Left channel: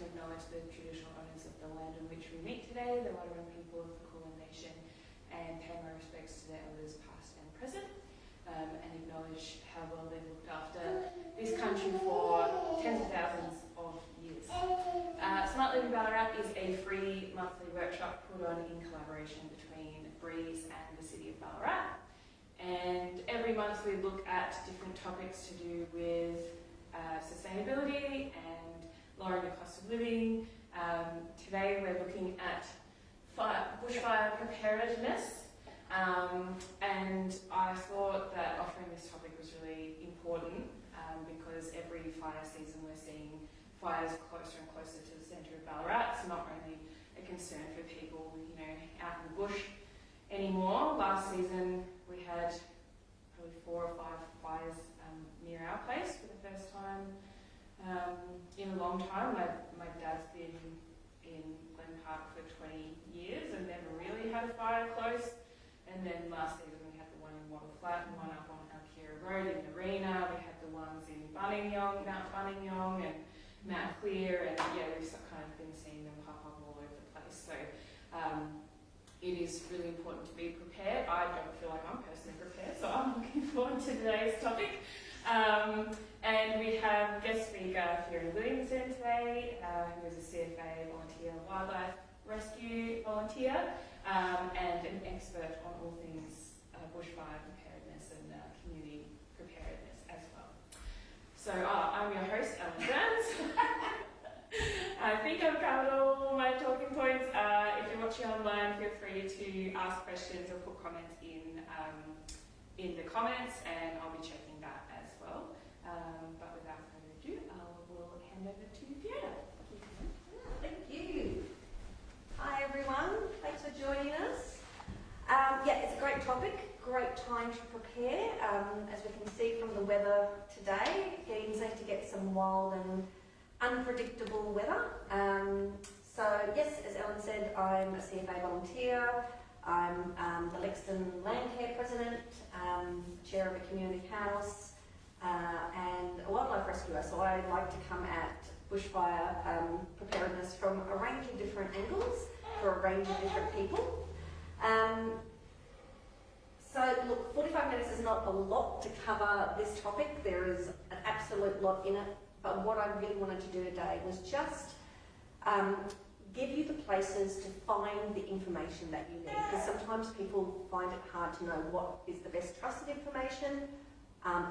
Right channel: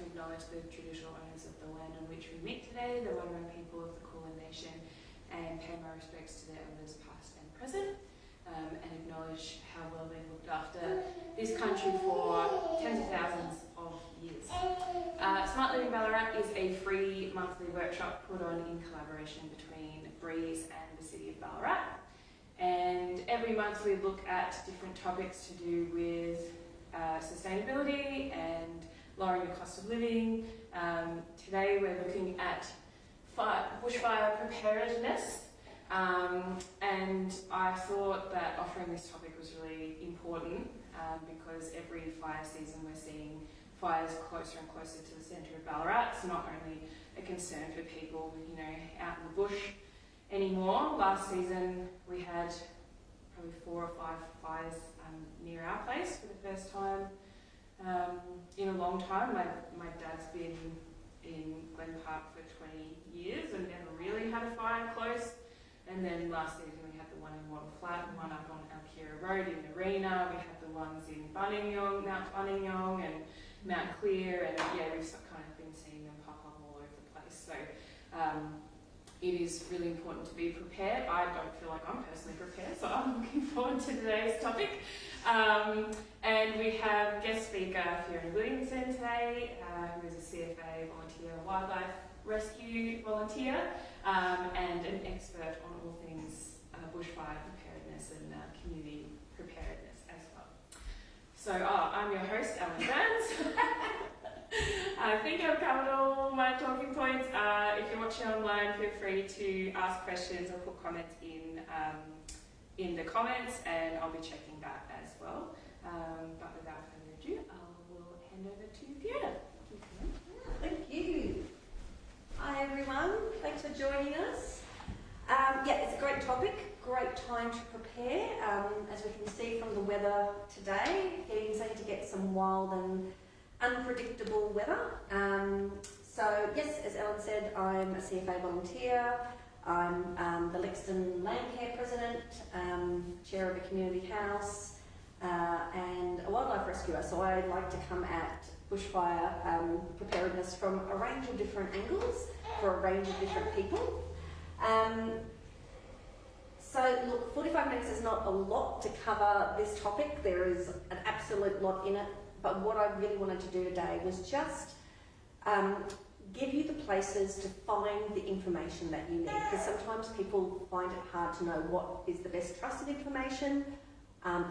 to acknowledge the traditional owners of the land on which we meet today, the Wadawurrung people of the Kulin Nation, and pay my respects to their elders past and present, and acknowledge how well they've looked after this country for tens of thousands of years. Smart Living Ballarat is a free monthly workshop put on in collaboration between BREAZE and the City of Ballarat. And every month we look at different topics to do with sustainability and lowering the cost of living. Today we're looking at bushfire preparedness, and I thought that offering this topic was really important because every fire season we're seeing fires closer and closer to the centre of Ballarat. It's not only a concern for people, out in the bush anymore. Last season we had probably 4 or 5 fires near our place for the first time in a long time. My dad's been in Glen Park for 20 years and never really had a fire close. And then last season we had the one in Wattle Flat and one up on Alkira Road in Arena. We had the ones in Bunningyong, Mount Bunningyong and Mount Clear, and we've kind of been seeing them pop up all over the place. So it is really important to be prepared. I don't feel like I'm personally prepared, so I'm looking forward to today's topic. And we have guest speaker Fiona Williamson today, who is a CFA volunteer, wildlife rescue volunteer, and an expert on all things bushfire preparedness and community preparedness as well. So I'm your host, Ellen Burns. I think I've covered all my talking points. If you're watching online, feel free to ask questions or put comments in the comments, and I'll be checking that as well. But without further ado, I will hand over to Fiona. Thank you. Hi everyone, thanks for joining us. It's a great topic, great time to prepare. As we can see from the weather today, it's going to get some wild and unpredictable weather. So yes, as Ellen said, I'm a CFA volunteer. I'm the Lexton Land Care President, Chair of a community house, and a wildlife rescuer. So I like to come at bushfire preparedness from a range of different angles for a range of different people. So look, 45 minutes is not a lot to cover this topic. There is an absolute lot in it. But what I really wanted to do today was just give you the places to find the information that you need. Because sometimes people find it hard to know what is the best trusted information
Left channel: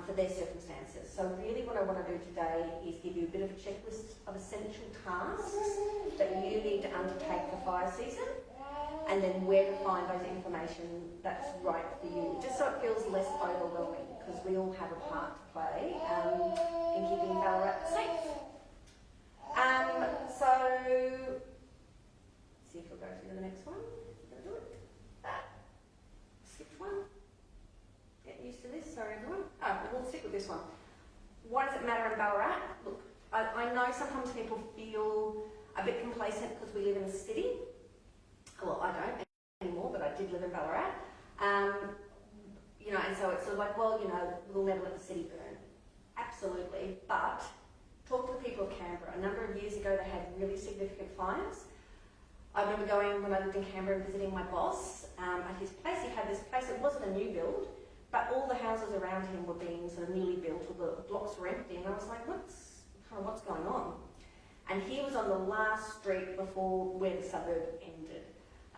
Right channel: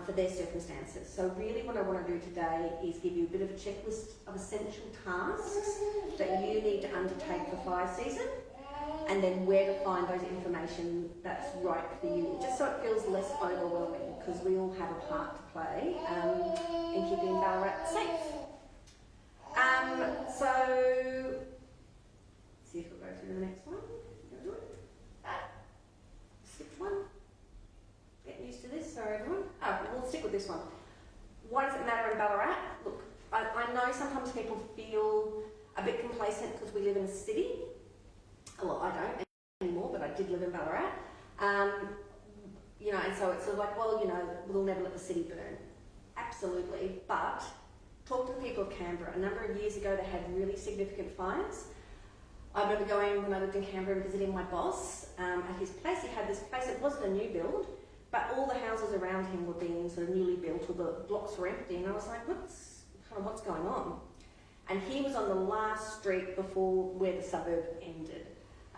for their circumstances. So really what I want to do today is give you a bit of a checklist of essential tasks that you need to undertake for fire season, and then where to find those information that's right for you, just so it feels less overwhelming, because we all have a part to play in keeping Ballarat safe. So, see if we'll go through the next one. Skip one. Get used to this, sorry everyone. We'll stick with this one. Why does it matter in Ballarat? Look, I know sometimes people feel a bit complacent because we live in a city. Well, I don't anymore, but I did live in Ballarat. And so it's sort of like, we'll never let the city burn. Absolutely, but talk to the people of Canberra. A number of years ago, they had really significant fires. I remember going when I lived in Canberra and visiting my boss at his place. He had this place, it wasn't a new build, but all the houses around him were being sort of newly built, or the blocks were empty, and I was like, what's going on? And he was on the last street before where the suburb ended.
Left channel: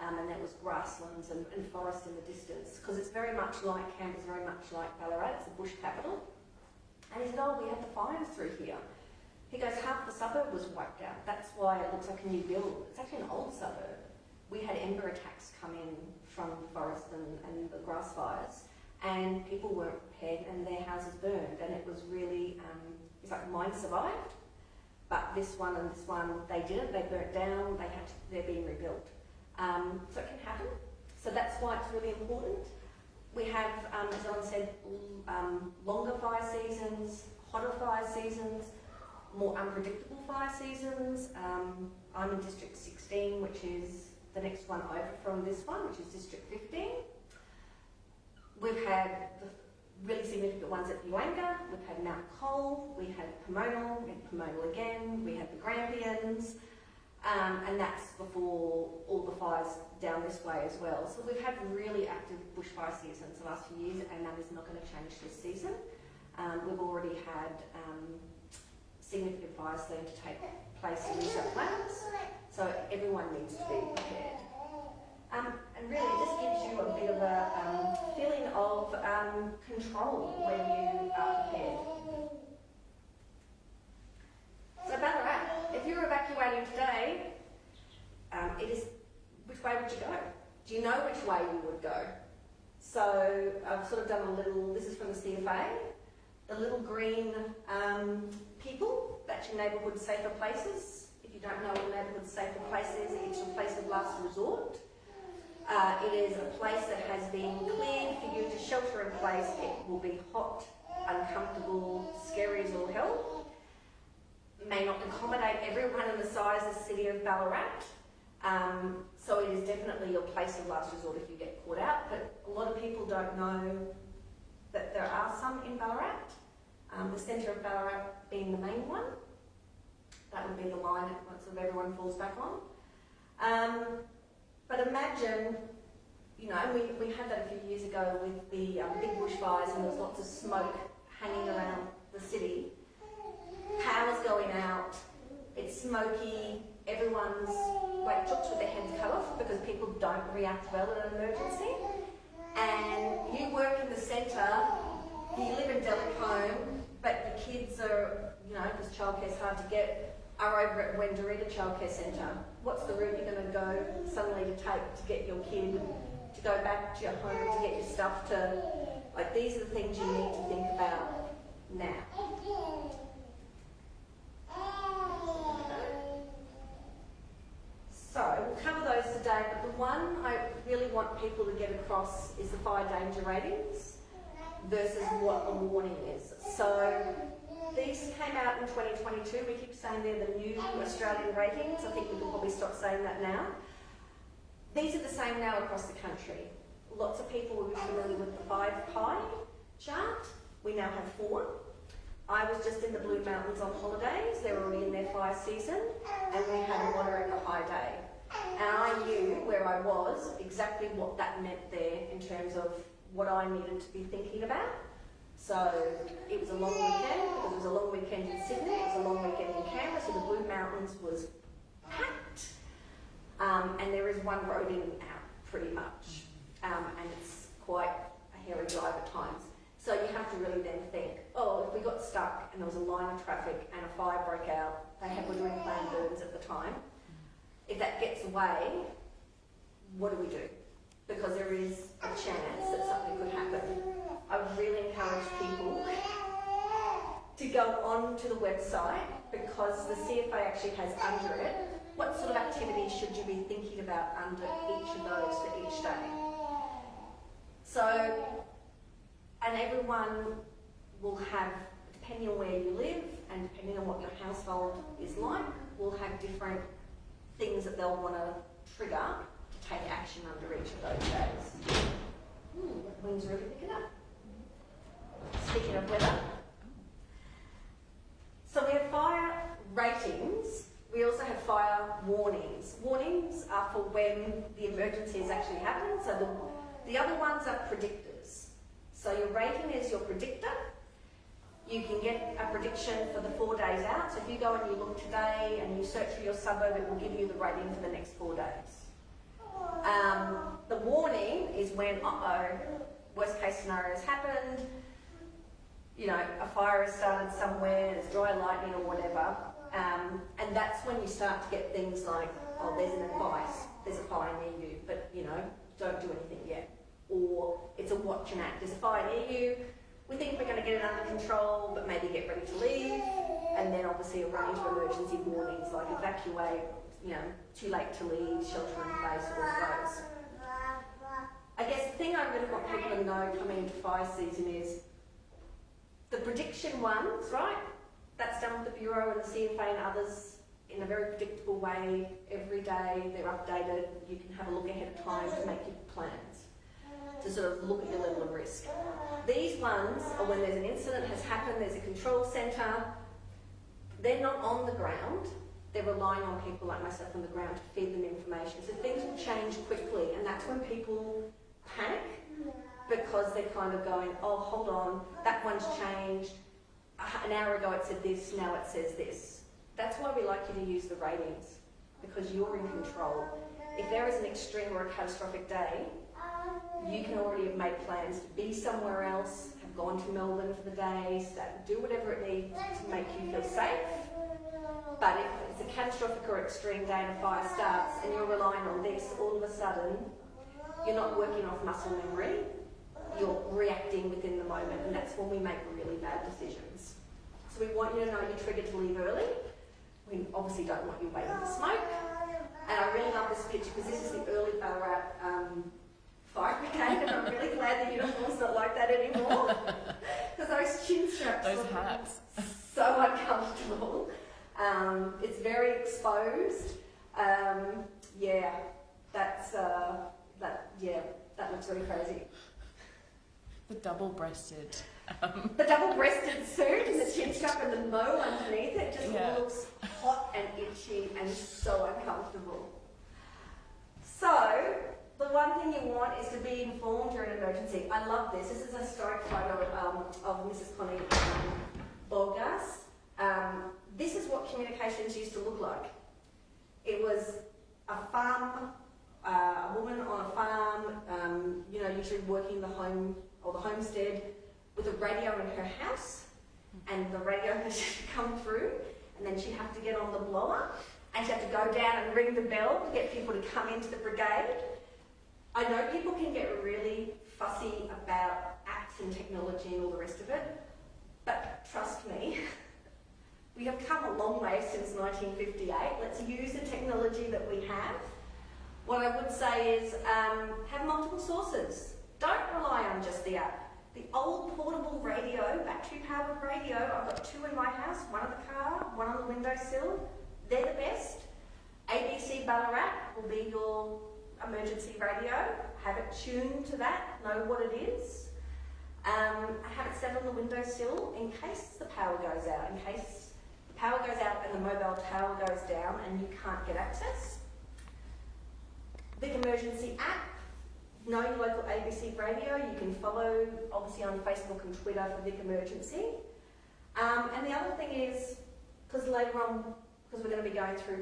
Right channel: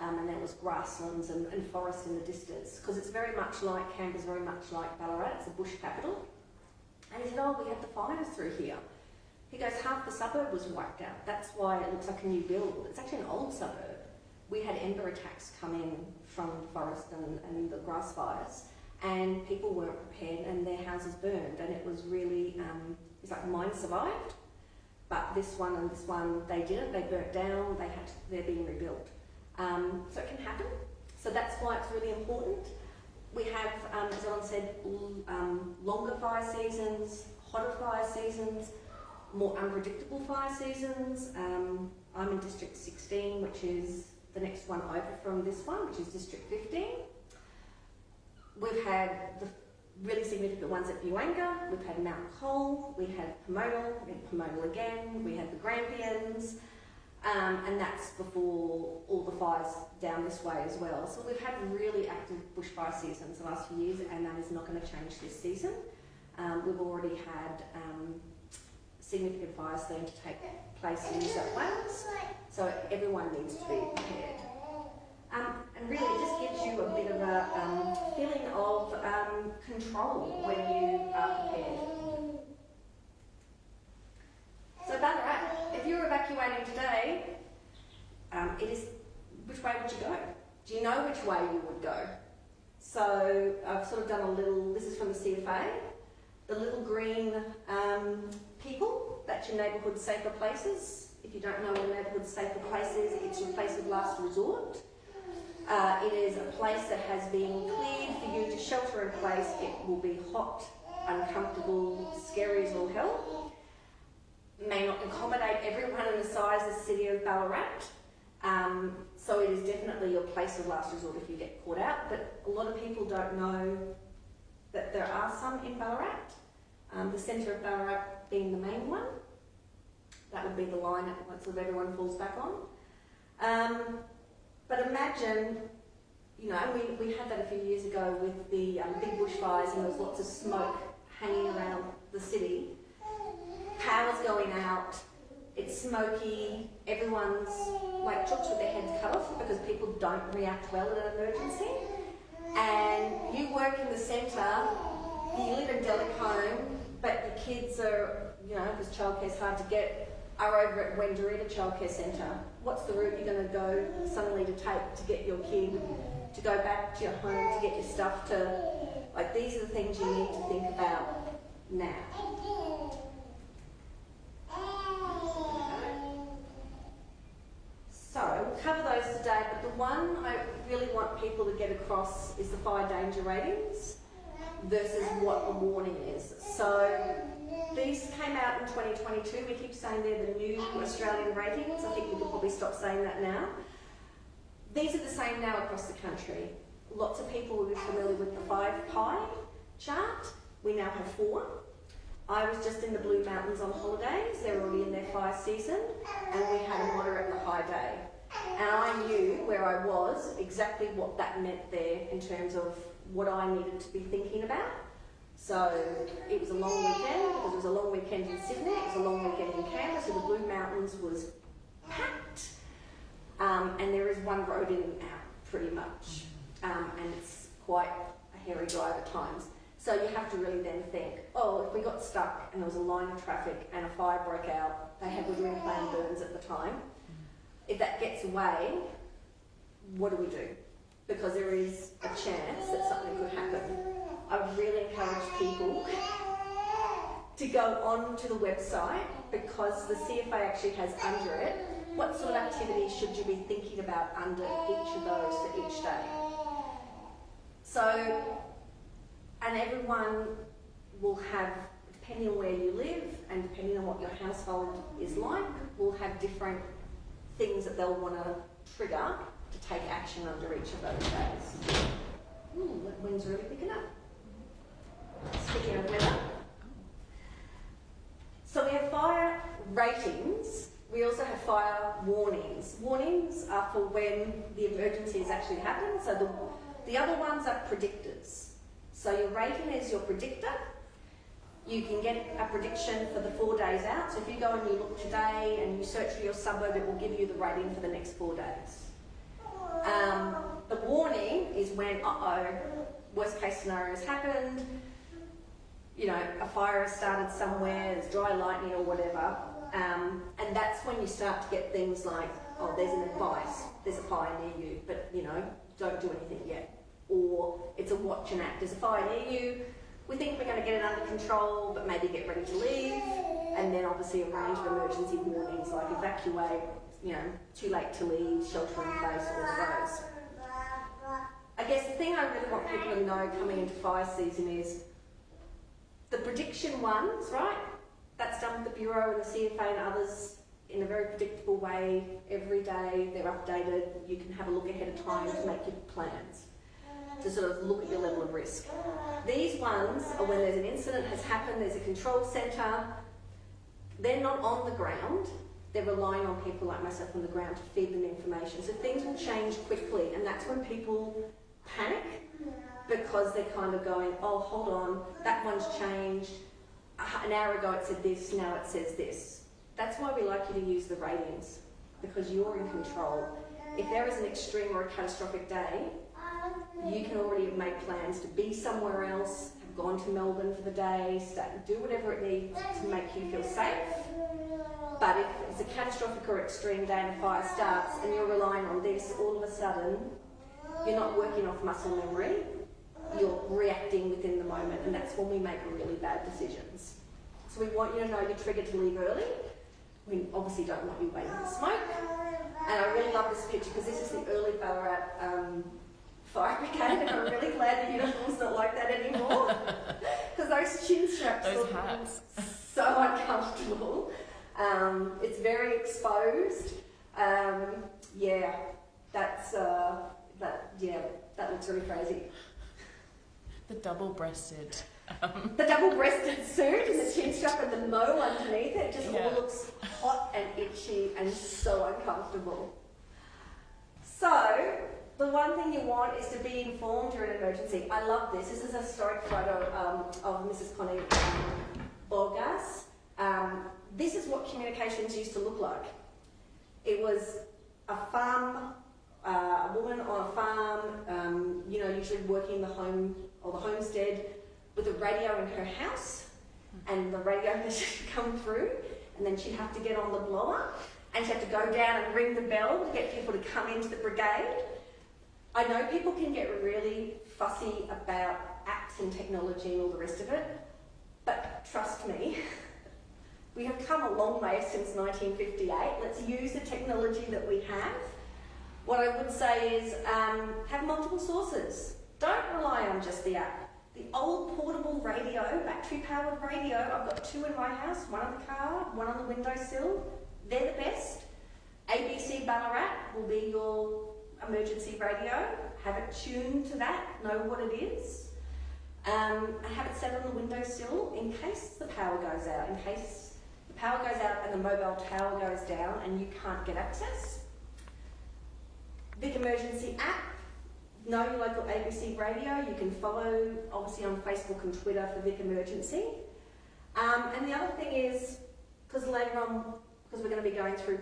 And there was grasslands and forest in the distance, because it's very much like, Canberra's very much like Ballarat, it's a bush capital. And he said, we had the fires through here. He goes, half the suburb was wiped out. That's why it looks like a new build. It's actually an old suburb. We had ember attacks come in from forest and the grass fires, and people weren't prepared and their houses burned, and it was really, it's like mine survived, but this one and this one, they didn't, they burnt down, they're being rebuilt. So it can happen. So that's why it's really important. We have, as Ellen said, longer fire seasons, hotter fire seasons, more unpredictable fire seasons. I'm in District 16, which is the next one over from this one, which is District 15. We've had really significant ones at Buanga. We've had Mount Cole, we had Pomona, we had Pomona again, we had the Grampians, and that's before all the fires down this way as well. So we've had really active bushfire seasons the last few years, and that is not going to change this season. We've already had significant fires starting to take place in New South Wales, so everyone needs to be prepared. And really it just gives you a bit of a feeling of control when you are prepared. So Ballarat, if you're evacuating today, it is, which way would you go? Do you know which way you would go? So I've sort of done a little, this is from the CFA, the little green people, that's your neighbourhood safer places. If you don't know what your neighbourhood safer place is, it's your place of last resort. It is a place that has been cleared for you to shelter in place. It will be hot, uncomfortable, scary as all hell. May not accommodate everyone in the size of the City of Ballarat. So it is definitely your place of last resort if you get caught out. But a lot of people don't know that there are some in Ballarat. The centre of Ballarat being the main one. That would be the line that sort of everyone falls back on. But imagine, you know, we had that a few years ago with the big bushfires, and there was lots of smoke hanging around the city. Power's going out, it's smoky, everyone's like chooks with their heads cut off because people don't react well in an emergency. And you work in the centre, you live in Delacombe, but your kids are, you know, because childcare's hard to get, are over at Wendouree Childcare Centre. What's the route you're going to go suddenly to take to get your kid to go back to your home, to get your stuff to, like, these are the things you need to think about now. So we'll cover those today, but the one I really want people to get across is the fire danger ratings versus what a warning is. So these came out in 2022. We keep saying they're the new Australian ratings. I think we could probably stop saying that now. These are the same now across the country. Lots of people will be familiar with the 5 pie chart. We now have 4. I was just in the Blue Mountains on holidays. They're already in their fire season, and we had a moderate and a high day. And I knew where I was, exactly what that meant there in terms of what I needed to be thinking about. So it was a long weekend, because it was a long weekend in Sydney, it was a long weekend in Canberra, so the Blue Mountains was packed. And there is one road in and out, pretty much. And it's quite a hairy drive at times. So you have to really then think, oh, if we got stuck and there was a line of traffic and a fire broke out, were doing planned burns at the time. If that gets away, what do we do? Because there is a chance that something could happen. I would really encourage people to go on to the website, because the CFA actually has under it, what sort of activities should you be thinking about under each of those for each day. So, and everyone will have, depending on where you live and depending on what your household is like, will have different things that they'll want to trigger to take action under each of those days. Ooh, that wind's really picking up. Speaking of weather. So we have fire ratings. We also have fire warnings. Warnings are for when the emergency has actually happened. So the other ones are predictors. So your rating is your predictor. You can get a prediction for the 4 days out. So if you go and you look today and you search for your suburb, it will give you the rating for the next 4 days. The warning is when, worst case scenario has happened, you know, a fire has started somewhere, there's dry lightning or whatever, and that's when you start to get things like, oh, there's an advice, there's a fire near you, but, you know, don't do anything yet. Or it's a watch and act, there's a fire near you, we think we're going to get it under control, but maybe get ready to leave, and then obviously a range of emergency warnings like evacuate, you know, too late to leave, shelter in place, all of those. I guess the thing I really want people to know coming into fire season is the prediction ones, right? That's done with the Bureau and the CFA and others in a very predictable way. Every day they're updated. You can have a look ahead of time to make your plans. to sort of look at your level of risk. These ones are when there's an incident has happened, there's a control centre, they're not on the ground, they're relying on people like myself on the ground to feed them information. So things will change quickly, and that's when people panic, because they're kind of going, oh, hold on, that one's changed, an hour ago it said this, now it says this. That's why we like you to use the ratings, because you're in control. If there is an extreme or a catastrophic day, you can already have made plans to be somewhere else, have gone to Melbourne for the day, do whatever it needs to make you feel safe. But if it's a catastrophic or extreme day and a fire starts and you're relying on this, all of a sudden, you're not working off muscle memory, you're reacting within the moment, and that's when we make really bad decisions. So we want you to know you're triggered to leave early. We obviously don't want you waiting to smoke. And I really love this picture because this is the early Ballarat fire brigade, and I'm really glad the uniform's not like that anymore. Because those chin straps those hats. So uncomfortable. It's very exposed. Yeah, that looks really crazy. The double-breasted. The double-breasted suit and the chin strap and the mo underneath it just looks hot and itchy and so uncomfortable. So, the one thing you want is to be informed during an emergency. I love this. This is a historic photo of Mrs. Connie Borgas. This is what communications used to look like. It was a farm, a woman on a farm, usually working the home or the homestead with a radio in her house, and the radio message would come through, and then she'd have to get on the blower, and she'd have to go down and ring the bell to get people to come into the brigade. I know people can get really fussy about apps and technology and all the rest of it, but trust me, we have come a long way since 1958. Let's use the technology that we have. What I would say is have multiple sources. Don't rely on just the app. The old portable radio, battery-powered radio, I've got 2 in my house, one in the car, one on the windowsill. They're the best. ABC Ballarat will be your emergency radio. Have it tuned to that, know what it is. Have it set on the windowsill in case the power goes out, in case the power goes out and the mobile tower goes down and you can't get access. Big emergency app. Know your local ABC radio. You can follow, obviously, on Facebook and Twitter for Vic Emergency. And the other thing is, because later on, because we're going to be going through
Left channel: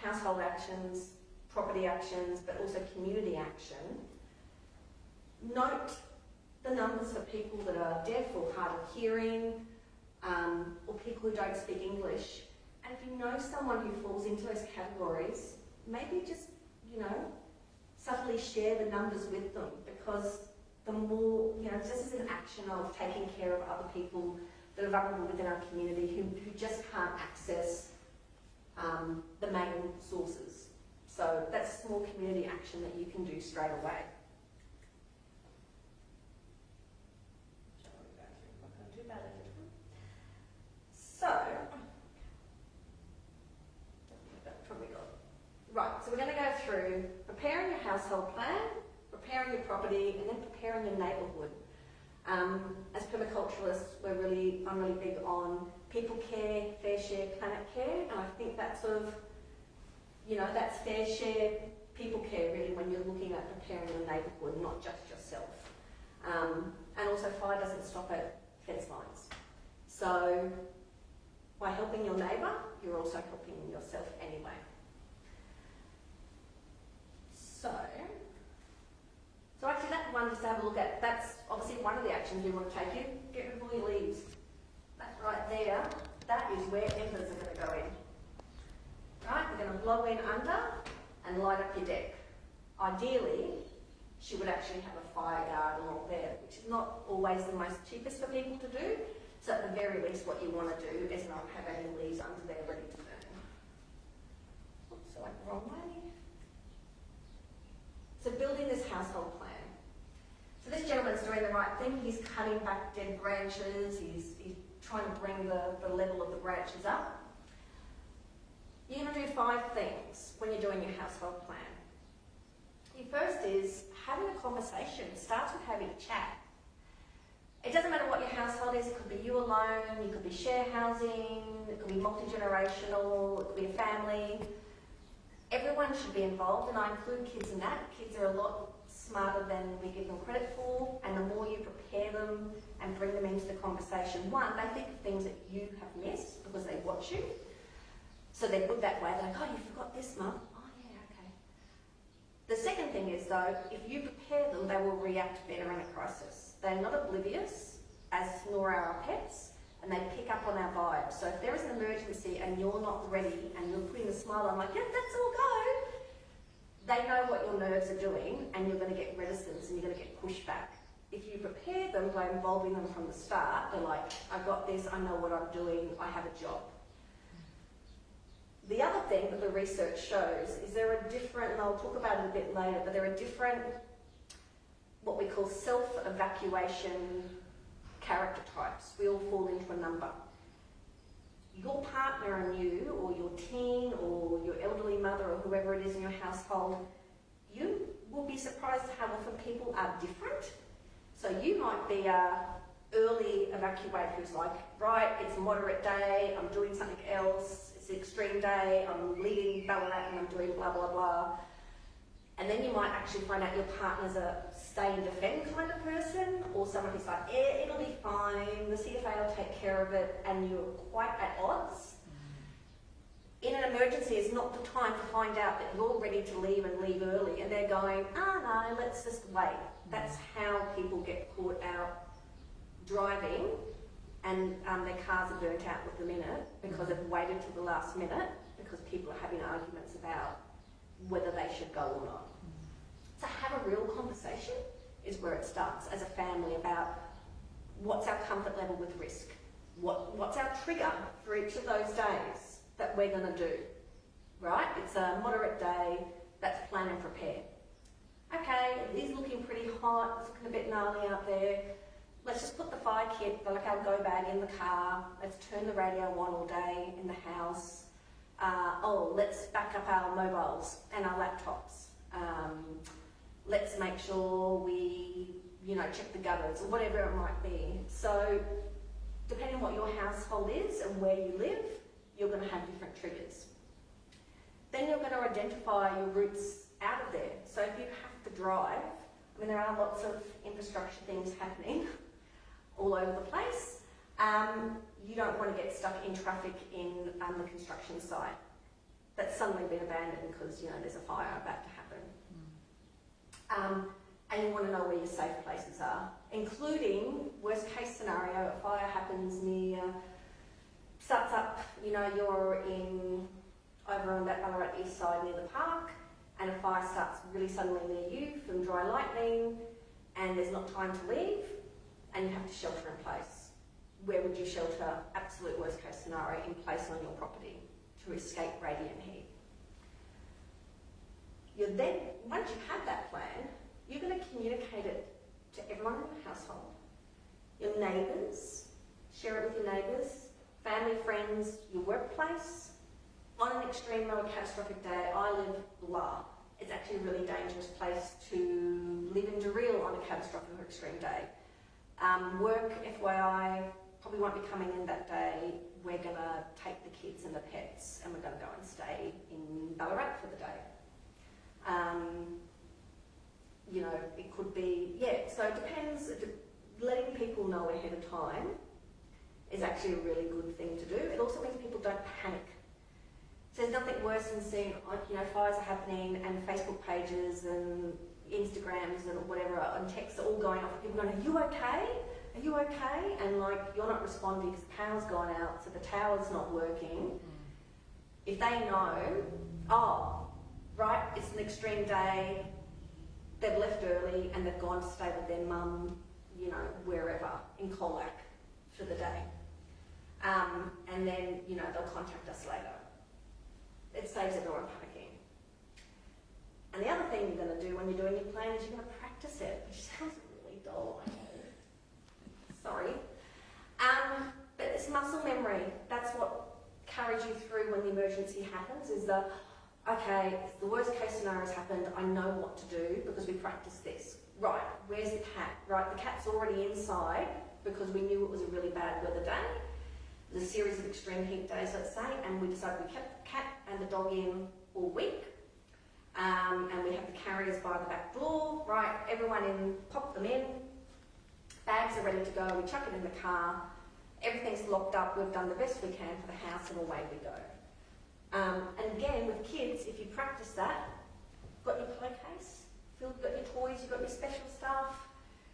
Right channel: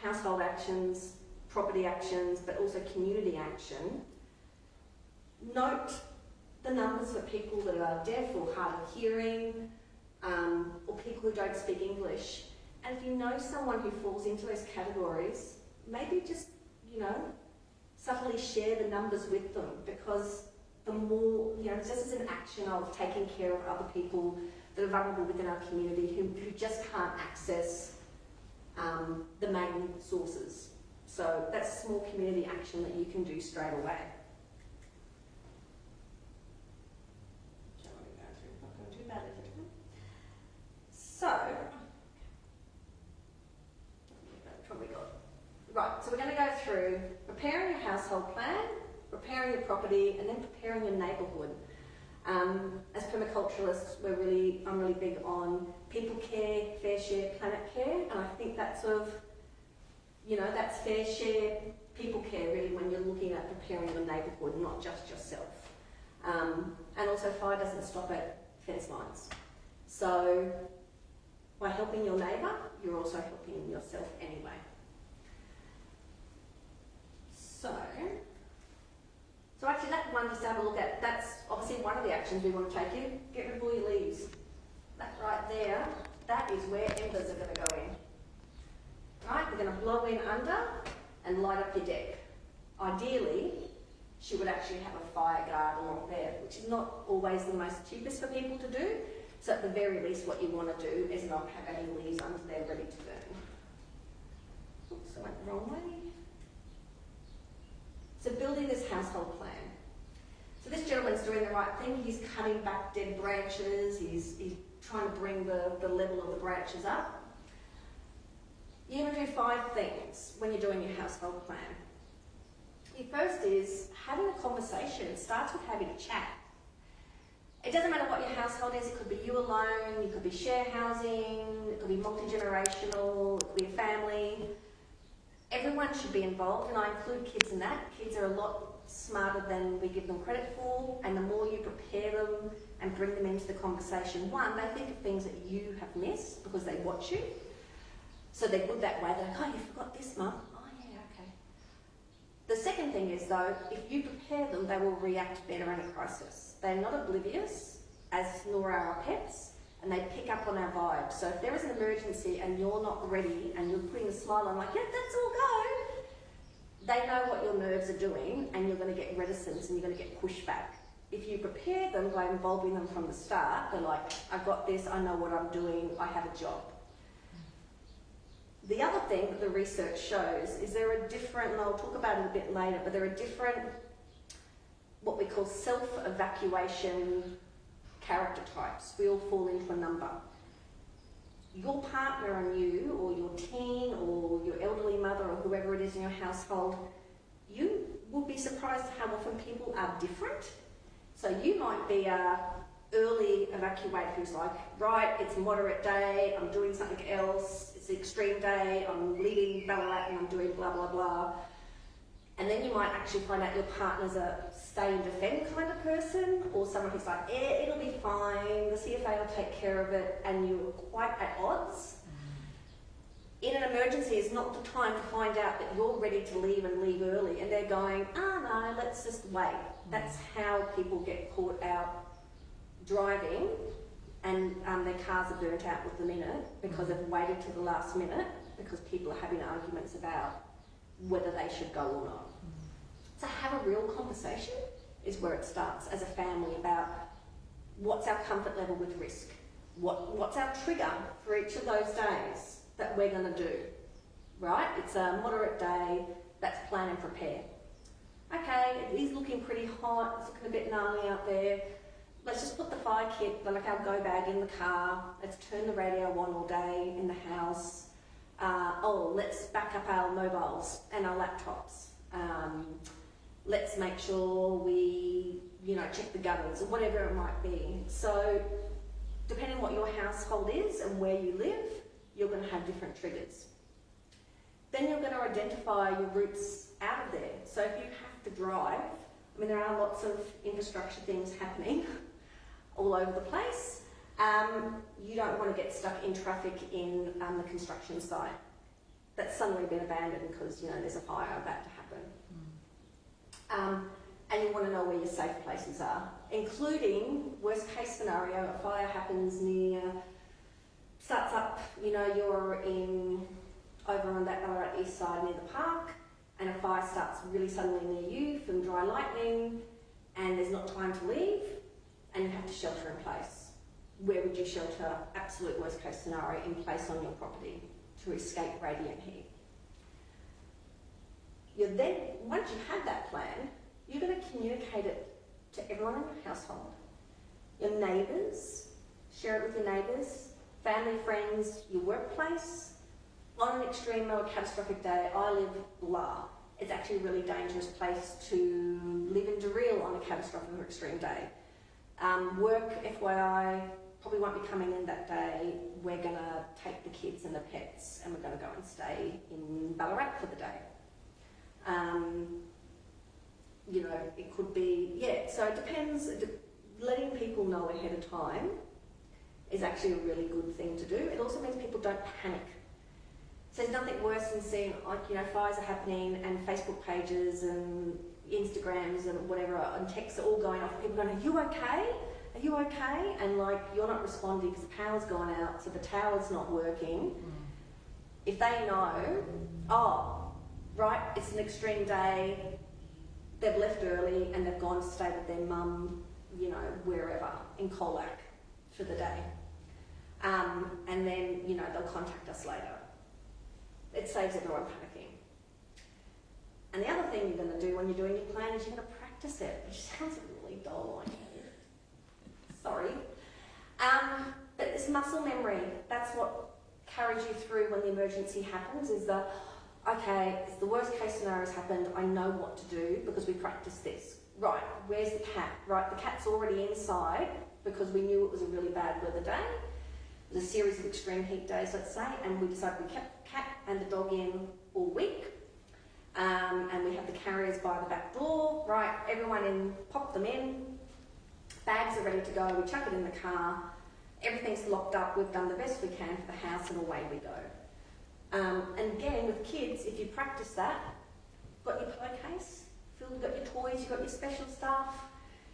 household actions, property actions, but also community action, note the numbers for people that are deaf or hard of hearing, or people who don't speak English. And if you know someone who falls into those categories, maybe just, subtly share the numbers with them, because the more, this is an action of taking care of other people that are vulnerable within our community who just can't access the main sources. So that's a small community action that you can do straight away. So we're going to go through preparing your household plan, preparing your property, and then preparing your neighbourhood. As permaculturalists, I'm really big on people care, fair share, planet care, and I think that's that's fair share, people care really when you're looking at preparing your neighbourhood, not just yourself. And also fire doesn't stop at fence lines. So by helping your neighbour, you're also helping yourself anyway. So actually that one just to have a look at, that's obviously one of the actions we want to take. You get rid of all your leaves. That right there, that is where embers are going to go in. Right, we're going to blow in under and light up your deck. Ideally, she would actually have a fire guard along there, which is not always the most cheapest for people to do. So at the very least, what you want to do is not have any leaves under there ready to burn. Oops, I went the wrong way. So building this household plan. So this gentleman's doing the right thing. He's cutting back dead branches. He's trying to bring the level of the branches up. You're going to do 5 things when you're doing your household plan. Your first is having a conversation. It starts with having a chat. It doesn't matter what your household is. It could be you alone, it could be share housing, it could be multi-generational, it could be a family. Everyone should be involved, and I include kids in that. Kids are a lot smarter than we give them credit for, and the more you prepare them and bring them into the conversation, one, they think of things that you have missed because they watch you. So they're good that way. They're like, oh, you forgot this, Mum. Oh, yeah, okay. The second thing is, though, if you prepare them, they will react better in a crisis. They're not oblivious, as nor are our pets, and they pick up on our vibe. So if there is an emergency and you're not ready and you're putting a smile on like, yeah, let's all go, they know what your nerves are doing and you're going to get reticence and you're going to get pushback. If you prepare them by involving them from the start, they're like, I've got this, I know what I'm doing, I have a job. The other thing that the research shows is there are different, and I'll talk about it a bit later, but there are different, what we call self-evacuation character types. We all fall into a number. Your partner and you, or your teen, or your elderly mother, or whoever it is in your household, you will be surprised how often people are different. So you might be a early evacuator who's like, right, it's a moderate day, I'm doing something else, it's an extreme day, I'm leaving Ballarat and I'm doing blah, blah, blah. And then you might actually find out your partner's a stay and defend kind of person, or someone who's like, yeah, it'll be fine, the CFA will take care of it, and you're quite at odds. In an emergency is not the time to find out that you're ready to leave and leave early, and they're going, no, let's just wait. That's how people get caught out driving, and their cars are burnt out within a minute because they've waited to the last minute because people are having arguments about whether they should go or not. So have a real conversation is where it starts as a family about what's our comfort level with risk, what's our trigger for each of those days that we're going to do, right? It's a moderate day, that's plan and prepare. Okay, it is looking pretty hot, it's looking a bit gnarly out there. Let's just put the fire kit, like our go bag in the car. Let's turn the radio on all day in the house. Let's back up our mobiles and our laptops. Let's make sure we, check the gutters or whatever it might be. So, depending on what your household is and where you live, you're going to have different triggers. Then you're going to identify your routes out of there. So if you have to drive, there are lots of infrastructure things happening all over the place. You don't want to get stuck in traffic in the construction site that's suddenly been abandoned because there's a fire about to happen. And you want to know where your safe places are, including worst case scenario, a fire happens starts up, you're over on that Ballarat east side near the park, and a fire starts really suddenly near you from dry lightning, and there's not time to leave, and you have to shelter in place. Where would you shelter? Absolute worst case scenario, in place on your property to escape radiant heat. Once you have that plan, you're going to communicate it to everyone in your household. Your neighbours, share it with your neighbours, family, friends, your workplace. On an extreme or a catastrophic day, I live blah. It's actually a really dangerous place to live in Daryl on a catastrophic or extreme day. Work, FYI, probably won't be coming in that day. We're going to take the kids and the pets and we're going to go and stay in Ballarat for the day. It could be, so it depends. Letting people know ahead of time is actually a really good thing to do. It also means people don't panic. So there's nothing worse than seeing, fires are happening and Facebook pages and Instagrams and whatever and texts are all going off. People going, are you okay? Are you okay? And you're not responding because the power's gone out, so the tower's not working. If they know, right, it's an extreme day, they've left early and they've gone to stay with their mum, wherever, in Colac for the day. And then, they'll contact us later. It saves everyone panicking. And the other thing you're going to do when you're doing your plan is you're going to practice it, which sounds really dull, I know. Sorry. But it's muscle memory. That's what carries you through when the emergency happens, is okay, if the worst case scenario has happened, I know what to do because we practiced this. Right, where's the cat? Right, the cat's already inside because we knew it was a really bad weather day. There's a series of extreme heat days, let's say, and we decided we kept the cat and the dog in all week. And we have the carriers by the back door. Right, everyone in, pop them in. Bags are ready to go. We chuck it in the car. Everything's locked up. We've done the best we can for the house and away we go. And again, with kids, if you practice that, got your play case, you've got your toys, you've got your special stuff.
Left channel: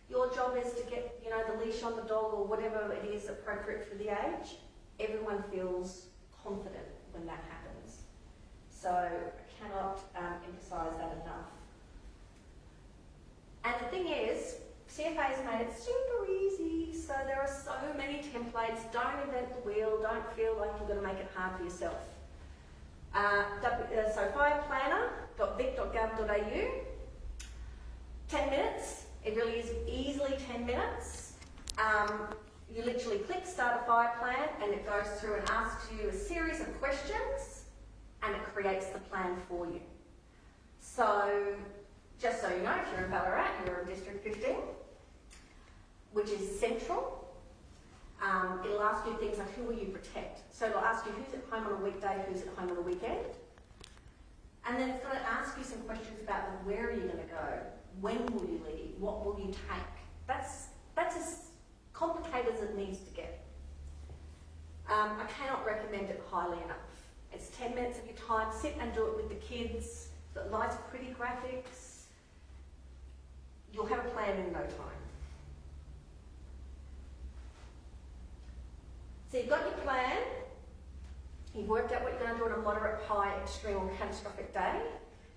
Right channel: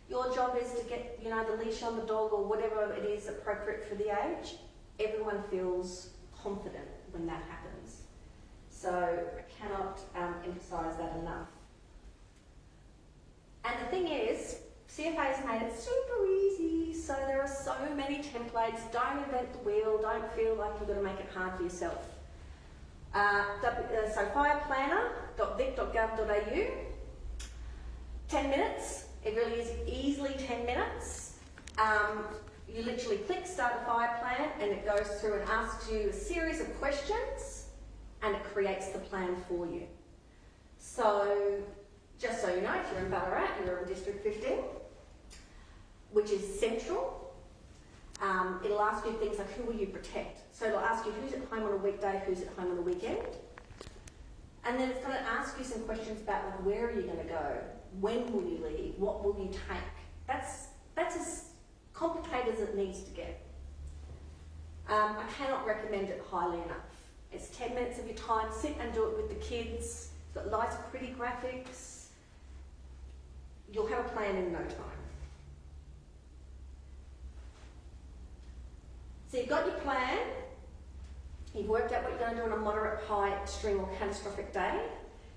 Your job is to get, the leash on the dog or whatever it is appropriate for the age. Everyone feels confident when that happens. So I cannot emphasise that enough. And the thing is, CFA has made it super easy, so there are so many templates. Don't invent the wheel, don't feel like you've got to make it hard for yourself. So fireplanner.vic.gov.au, 10 minutes, it really is easily 10 minutes. You literally click start a fire plan and it goes through and asks you a series of questions and it creates the plan for you. So, just so you know, if you're in Ballarat, you're in District 15, which is central. It'll ask you things like who will you protect? So it'll ask you who's at home on a weekday, who's at home on a weekend. And then it's going to ask you some questions about where are you going to go? When will you leave? What will you take? That's as complicated as it needs to get. I cannot recommend it highly enough. It's 10 minutes of your time. Sit and do it with the kids. It's got nice, pretty graphics. You'll have a plan in no time. So you've got your plan. You've worked out what you're going to do on a moderate, high, extreme or catastrophic day.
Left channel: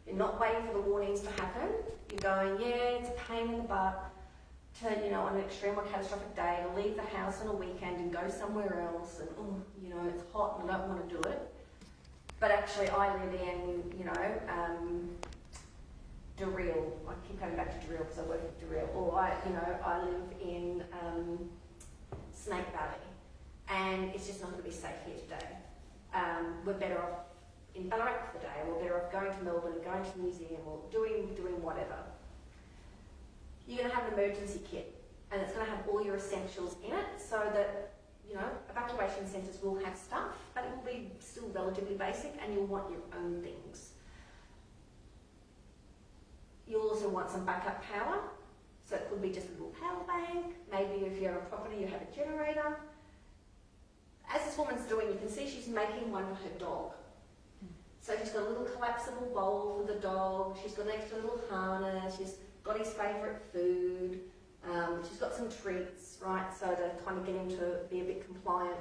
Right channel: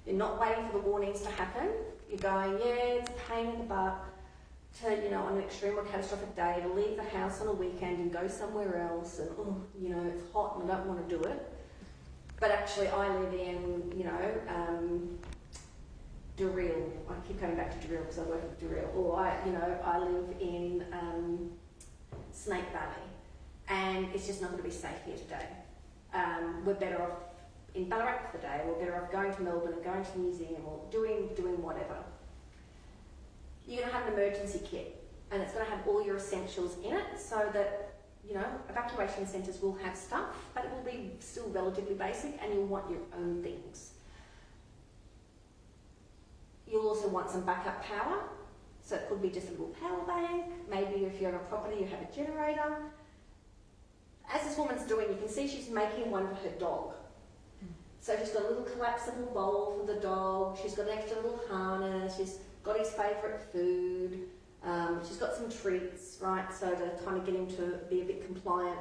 You're not waiting for the warnings to happen. You're going, yeah, it's a pain in the butt to, on an extreme or catastrophic day to leave the house on a weekend and go somewhere else and, it's hot and I don't want to do it. But actually I live in, Durrell. I keep coming back to Durrell because I work at Durrell. Or I live in Snake Valley and it's just not going to be safe here today. We're better off in Ballarat for the day, we're better off going to Melbourne and going to the museum or doing whatever. You're going to have an emergency kit and it's going to have all your essentials in it so that, evacuation centres will have stuff, but it will be still relatively basic and you'll want your own things. You'll also want some backup power, so it could be just a little power bank, maybe if you have a property you have a generator. As this woman's doing, you can see she's making one for her dog. So she's got a little collapsible bowl for the dog, she's got an extra little harness, she's got his favourite food, she's got some treats, right, so to kind of get him to be a bit compliant.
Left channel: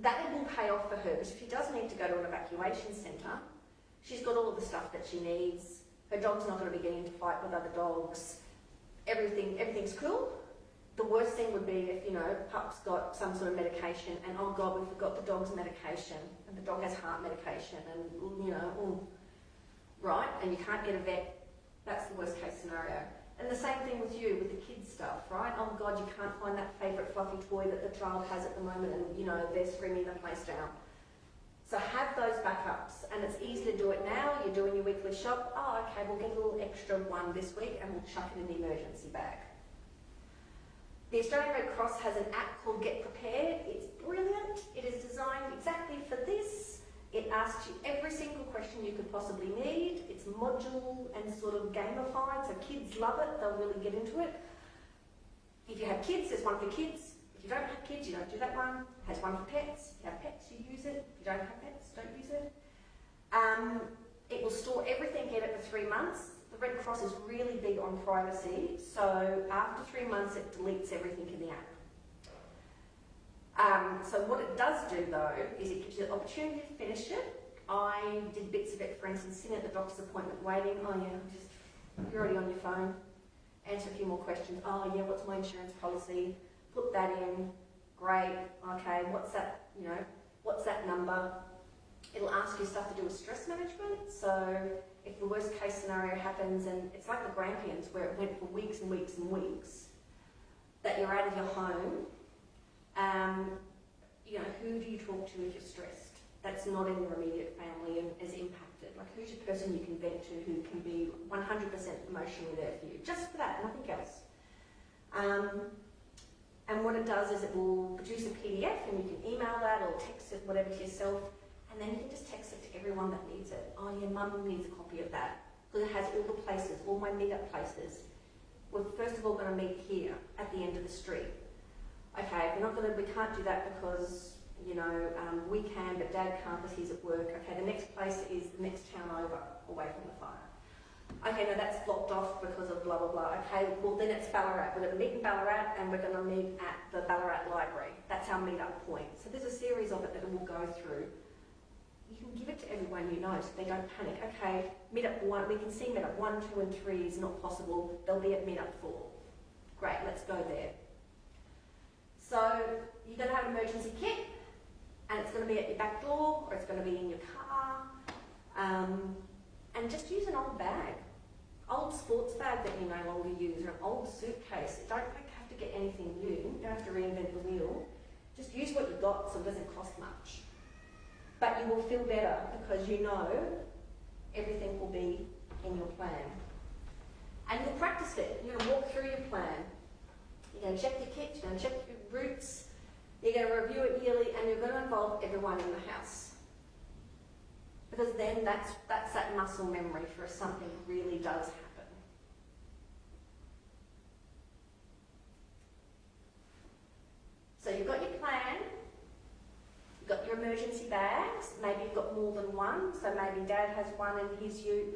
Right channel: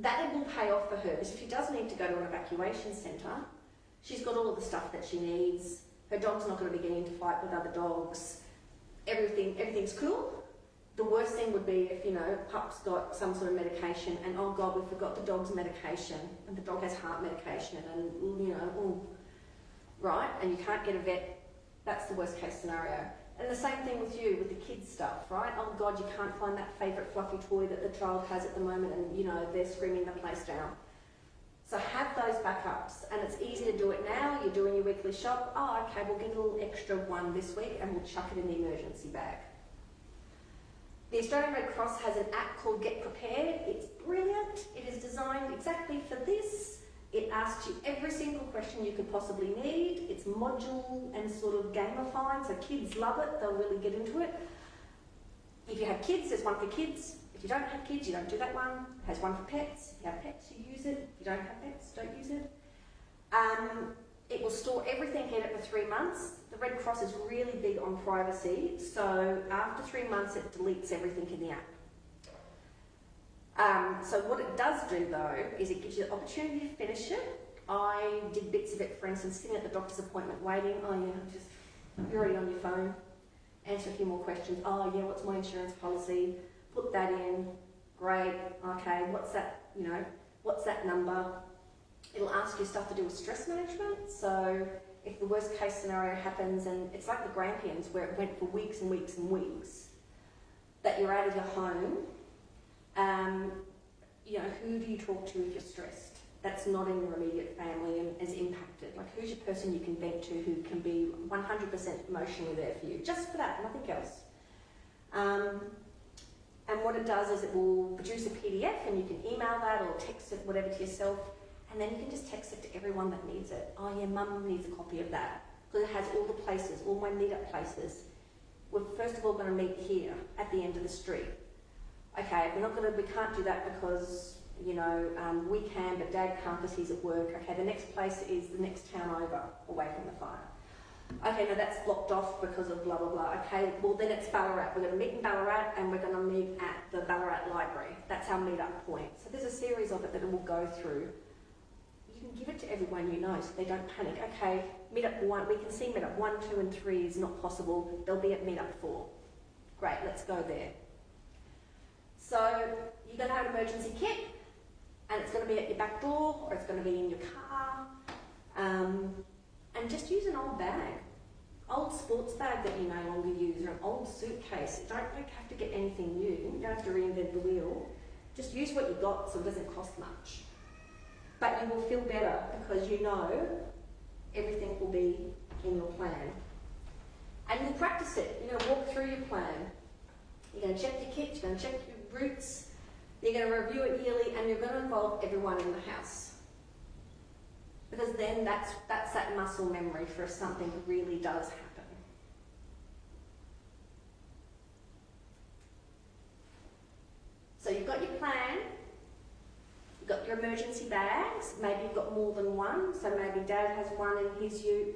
That will pay off for her, because if she does need to go to an evacuation centre, she's got all of the stuff that she needs. Her dog's not going to be getting into fight with other dogs. Everything's cool. The worst thing would be if, pup's got some sort of medication and, oh God, we forgot the dog's medication and the dog has heart medication and, right, and you can't get a vet. That's the worst case scenario. And the same thing with you, with the kids stuff, right? Oh God, you can't find that favourite fluffy toy that the child has at the moment and, they're screaming the place down. So have those backups, and it's easy to do it now. You're doing your weekly shop. Oh, okay, we'll get a little extra one this week and we'll chuck it in the emergency bag. The Australian Red Cross has an app called Get Prepared. It's brilliant. It is designed exactly for this. It asks you every single question you could possibly need. It's modular and sort of gamified, so kids love it. They'll really get into it. If you have kids, there's one for kids. If you don't have kids, you don't do that one. It has one for pets. If you have pets, you use it. If you don't have pets, don't use it. It will store everything in it for 3 months. The Red Cross is really big on privacy, so after 3 months it deletes everything in the app. So what it does do though, is it gives you the opportunity to finish it. I did bits of it, for instance, sitting at the doctor's appointment waiting. Oh yeah, you're already on your phone. Answer a few more questions. Oh yeah, what's my insurance policy? Put that in. Great. Okay, what's that, what's that number? It'll ask you stuff to do with stress management. So if the worst case scenario happens, and it's like the Grampians where it went for weeks and weeks and weeks, that you're out of your home, who do you talk to if you're stressed? That's not in your immediate family and is impacted person you can vent to who can be 100% emotionally there for you, just for that, nothing else. And what it does is it will produce a PDF and you can email that or text it, whatever, to yourself, and then you can just text it to everyone that needs it. Oh yeah, mum needs a copy of that, because it has all the places, all my meet-up places. We're first of all going to meet here at the end of the street. Okay, we can't do that because, you know, we can, but Dad can't because he's at work. Okay, the next place is the next town over, away from the fire. Okay, no, that's blocked off because of blah, blah, blah. Okay, well then it's Ballarat. We're going to meet in Ballarat and we're going to meet at the Ballarat Library. That's our meet-up point. So there's a series of it that we'll go through. You can give it to everyone you know so they don't panic. Okay, meet-up 1, we can see meet-up 1, 2 and 3 is not possible. They'll be at meet-up 4. Great, let's go there. So you're going to have an emergency kit and it's going to be at your back door or it's going to be in your car. And just use an old bag. Old sports bag that you no longer use, or an old suitcase. You don't have to get anything new. You don't have to reinvent the wheel. Just use what you've got so it doesn't cost much. But you will feel better because you know everything will be in your plan. And you'll practice it. You're going to walk through your plan. You're going to check your kit, you're going to check your routes, you're going to review it yearly, and you're going to involve everyone in the house. Because then that's that muscle memory for if something really does happen. So you've got your plan, you've got your emergency bags, maybe you've got more than one, so maybe Dad has one in his ute,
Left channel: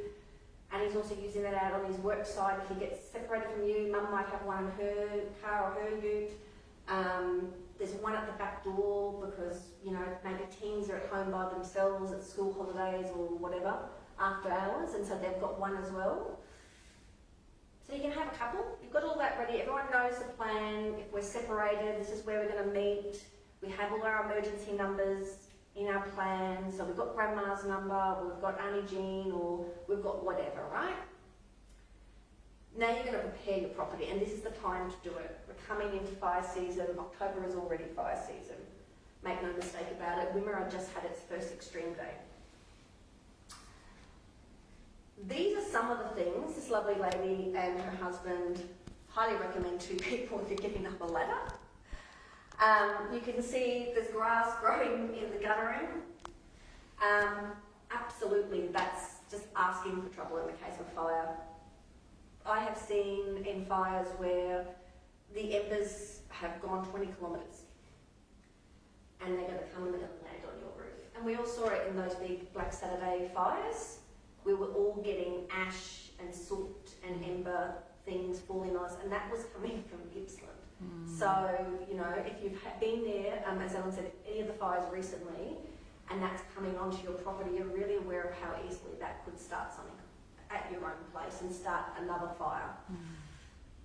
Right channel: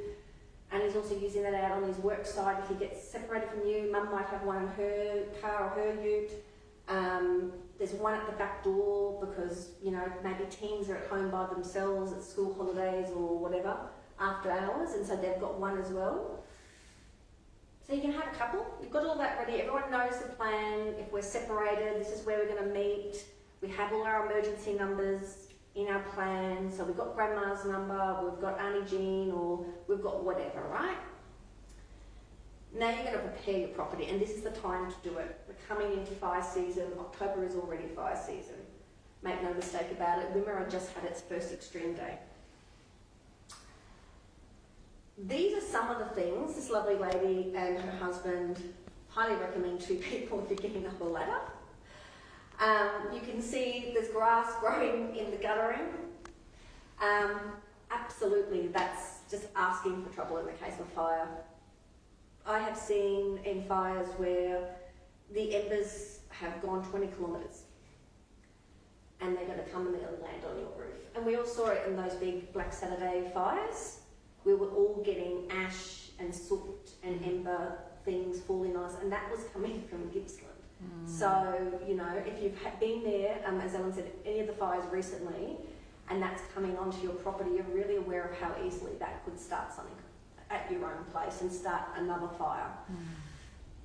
and he's also using that out on his work side. If he gets separated from you, Mum might have one in her car or her ute. There's one at the back door because, you know, maybe teens are at home by themselves at school holidays or whatever after hours, and so they've got one as well. So you can have a couple. You've got all that ready. Everyone knows the plan. If we're separated, this is where we're going to meet. We have all our emergency numbers in our plan. So we've got Grandma's number, we've got Auntie Jean, or we've got whatever, right? Now you're going to prepare your property, and this is the time to do it. We're coming into fire season. October is already fire season. Make no mistake about it. Wimmera just had its first extreme day. These are some of the things this lovely lady and her husband highly recommend to people if you're getting up a ladder. You can see there's grass growing in the guttering. Absolutely, that's just asking for trouble in the case of fire. I have seen in fires where the embers have gone 20 kilometres and they're going to come and they're going to land on your roof. And we all saw it in those big Black Saturday fires. We were all getting ash and soot and ember things falling on us, and that was coming from Gippsland. So, you know, if you've been there, as Ellen said, any of the fires recently, and that's coming onto your property, you're really aware of how easily that could start something at your own place and start another fire.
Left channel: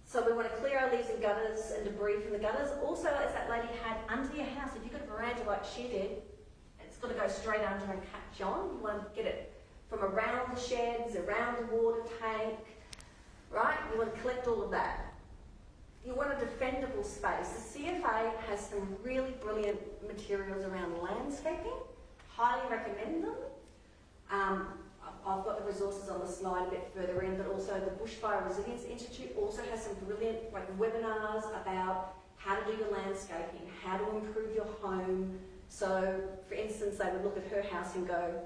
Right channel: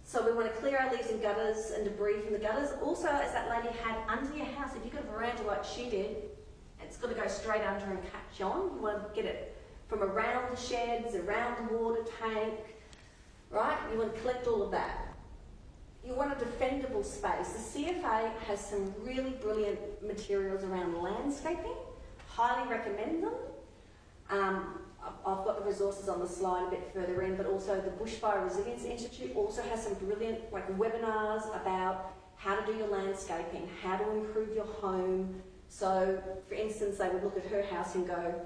So we want to clear our leaves and gutters and debris from the gutters. Also, as that lady had under your house, if you've got a veranda like she did, it's got to go straight under and catch on. You want to get it from around the sheds, around the water tank, right? You want to collect all of that. You want a defendable space. The CFA has some really brilliant materials around landscaping. Highly recommend them. I've got the resources on the slide a bit further in, but also the Bushfire Resilience Institute also has some brilliant webinars about how to do your landscaping, how to improve your home. So, for instance, they would look at her house and go,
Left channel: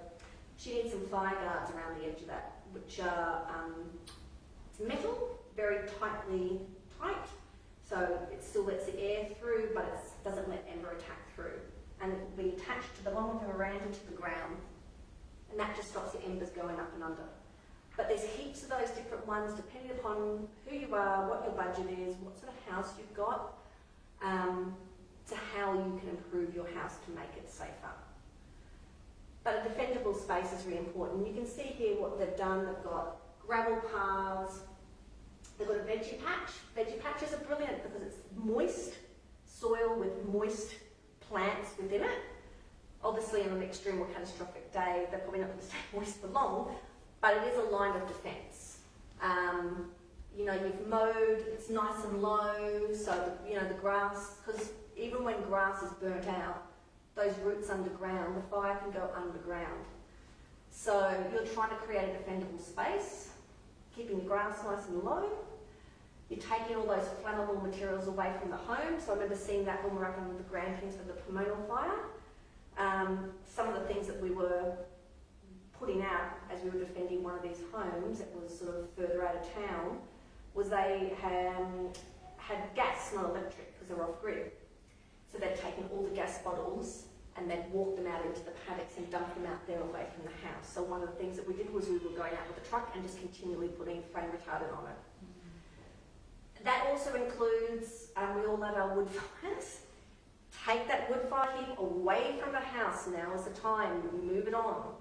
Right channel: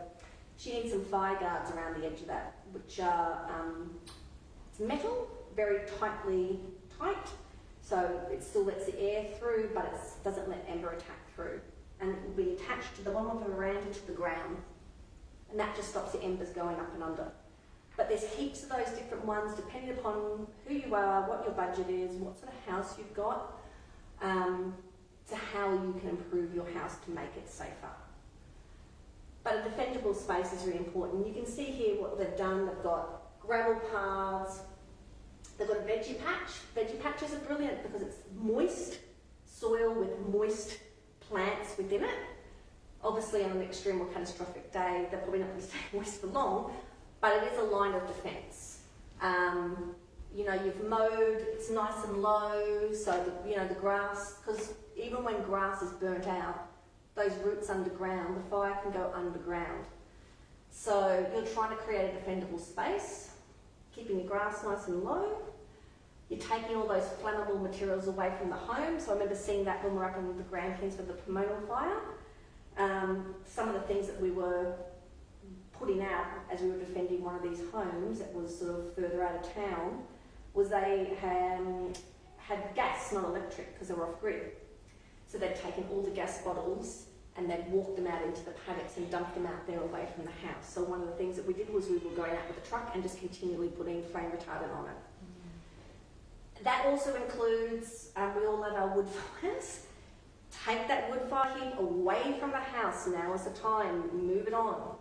she needs some fire guards around the edge of that, which are it's metal, very tightly tight, so it still lets the air through, but it doesn't let ember attack through. And it will be attached to the bottom of the veranda to the ground. And that just stops the embers going up and under. But there's heaps of those different ones depending upon who you are, what your budget is, what sort of house you've got, to how you can improve your house to make it safer. But a defendable space is really important. You can see here what they've done. They've got gravel paths, they've got a veggie patch. Veggie patches are brilliant because it's moist soil with moist plants within it. Obviously, on an extreme or catastrophic day, they're probably not going to stay moist for long, but it is a line of defence. You know, you've mowed, it's nice and low, so, you know, the grass, because even when grass is burnt out, those roots underground, the fire can go underground. So your you're trying to create a defendable space, keeping your grass nice and low. You're taking all those flammable materials away from the home. So I remember seeing that when we were up on the Grampians for the Pomona fire. Some of the things that we were putting out as we were defending one of these homes that was sort of further out of town was they had gas, not electric, because they were off grid. So they'd taken all the gas bottles and they'd walked them out into the paddocks and dumped them out there away from the house. So one of the things that we did was we were going out with a truck and just continually putting flame retardant on it. That also includes, we all love our wood fires. Take that wood fire heap away from the house. Now is the time. Move it on.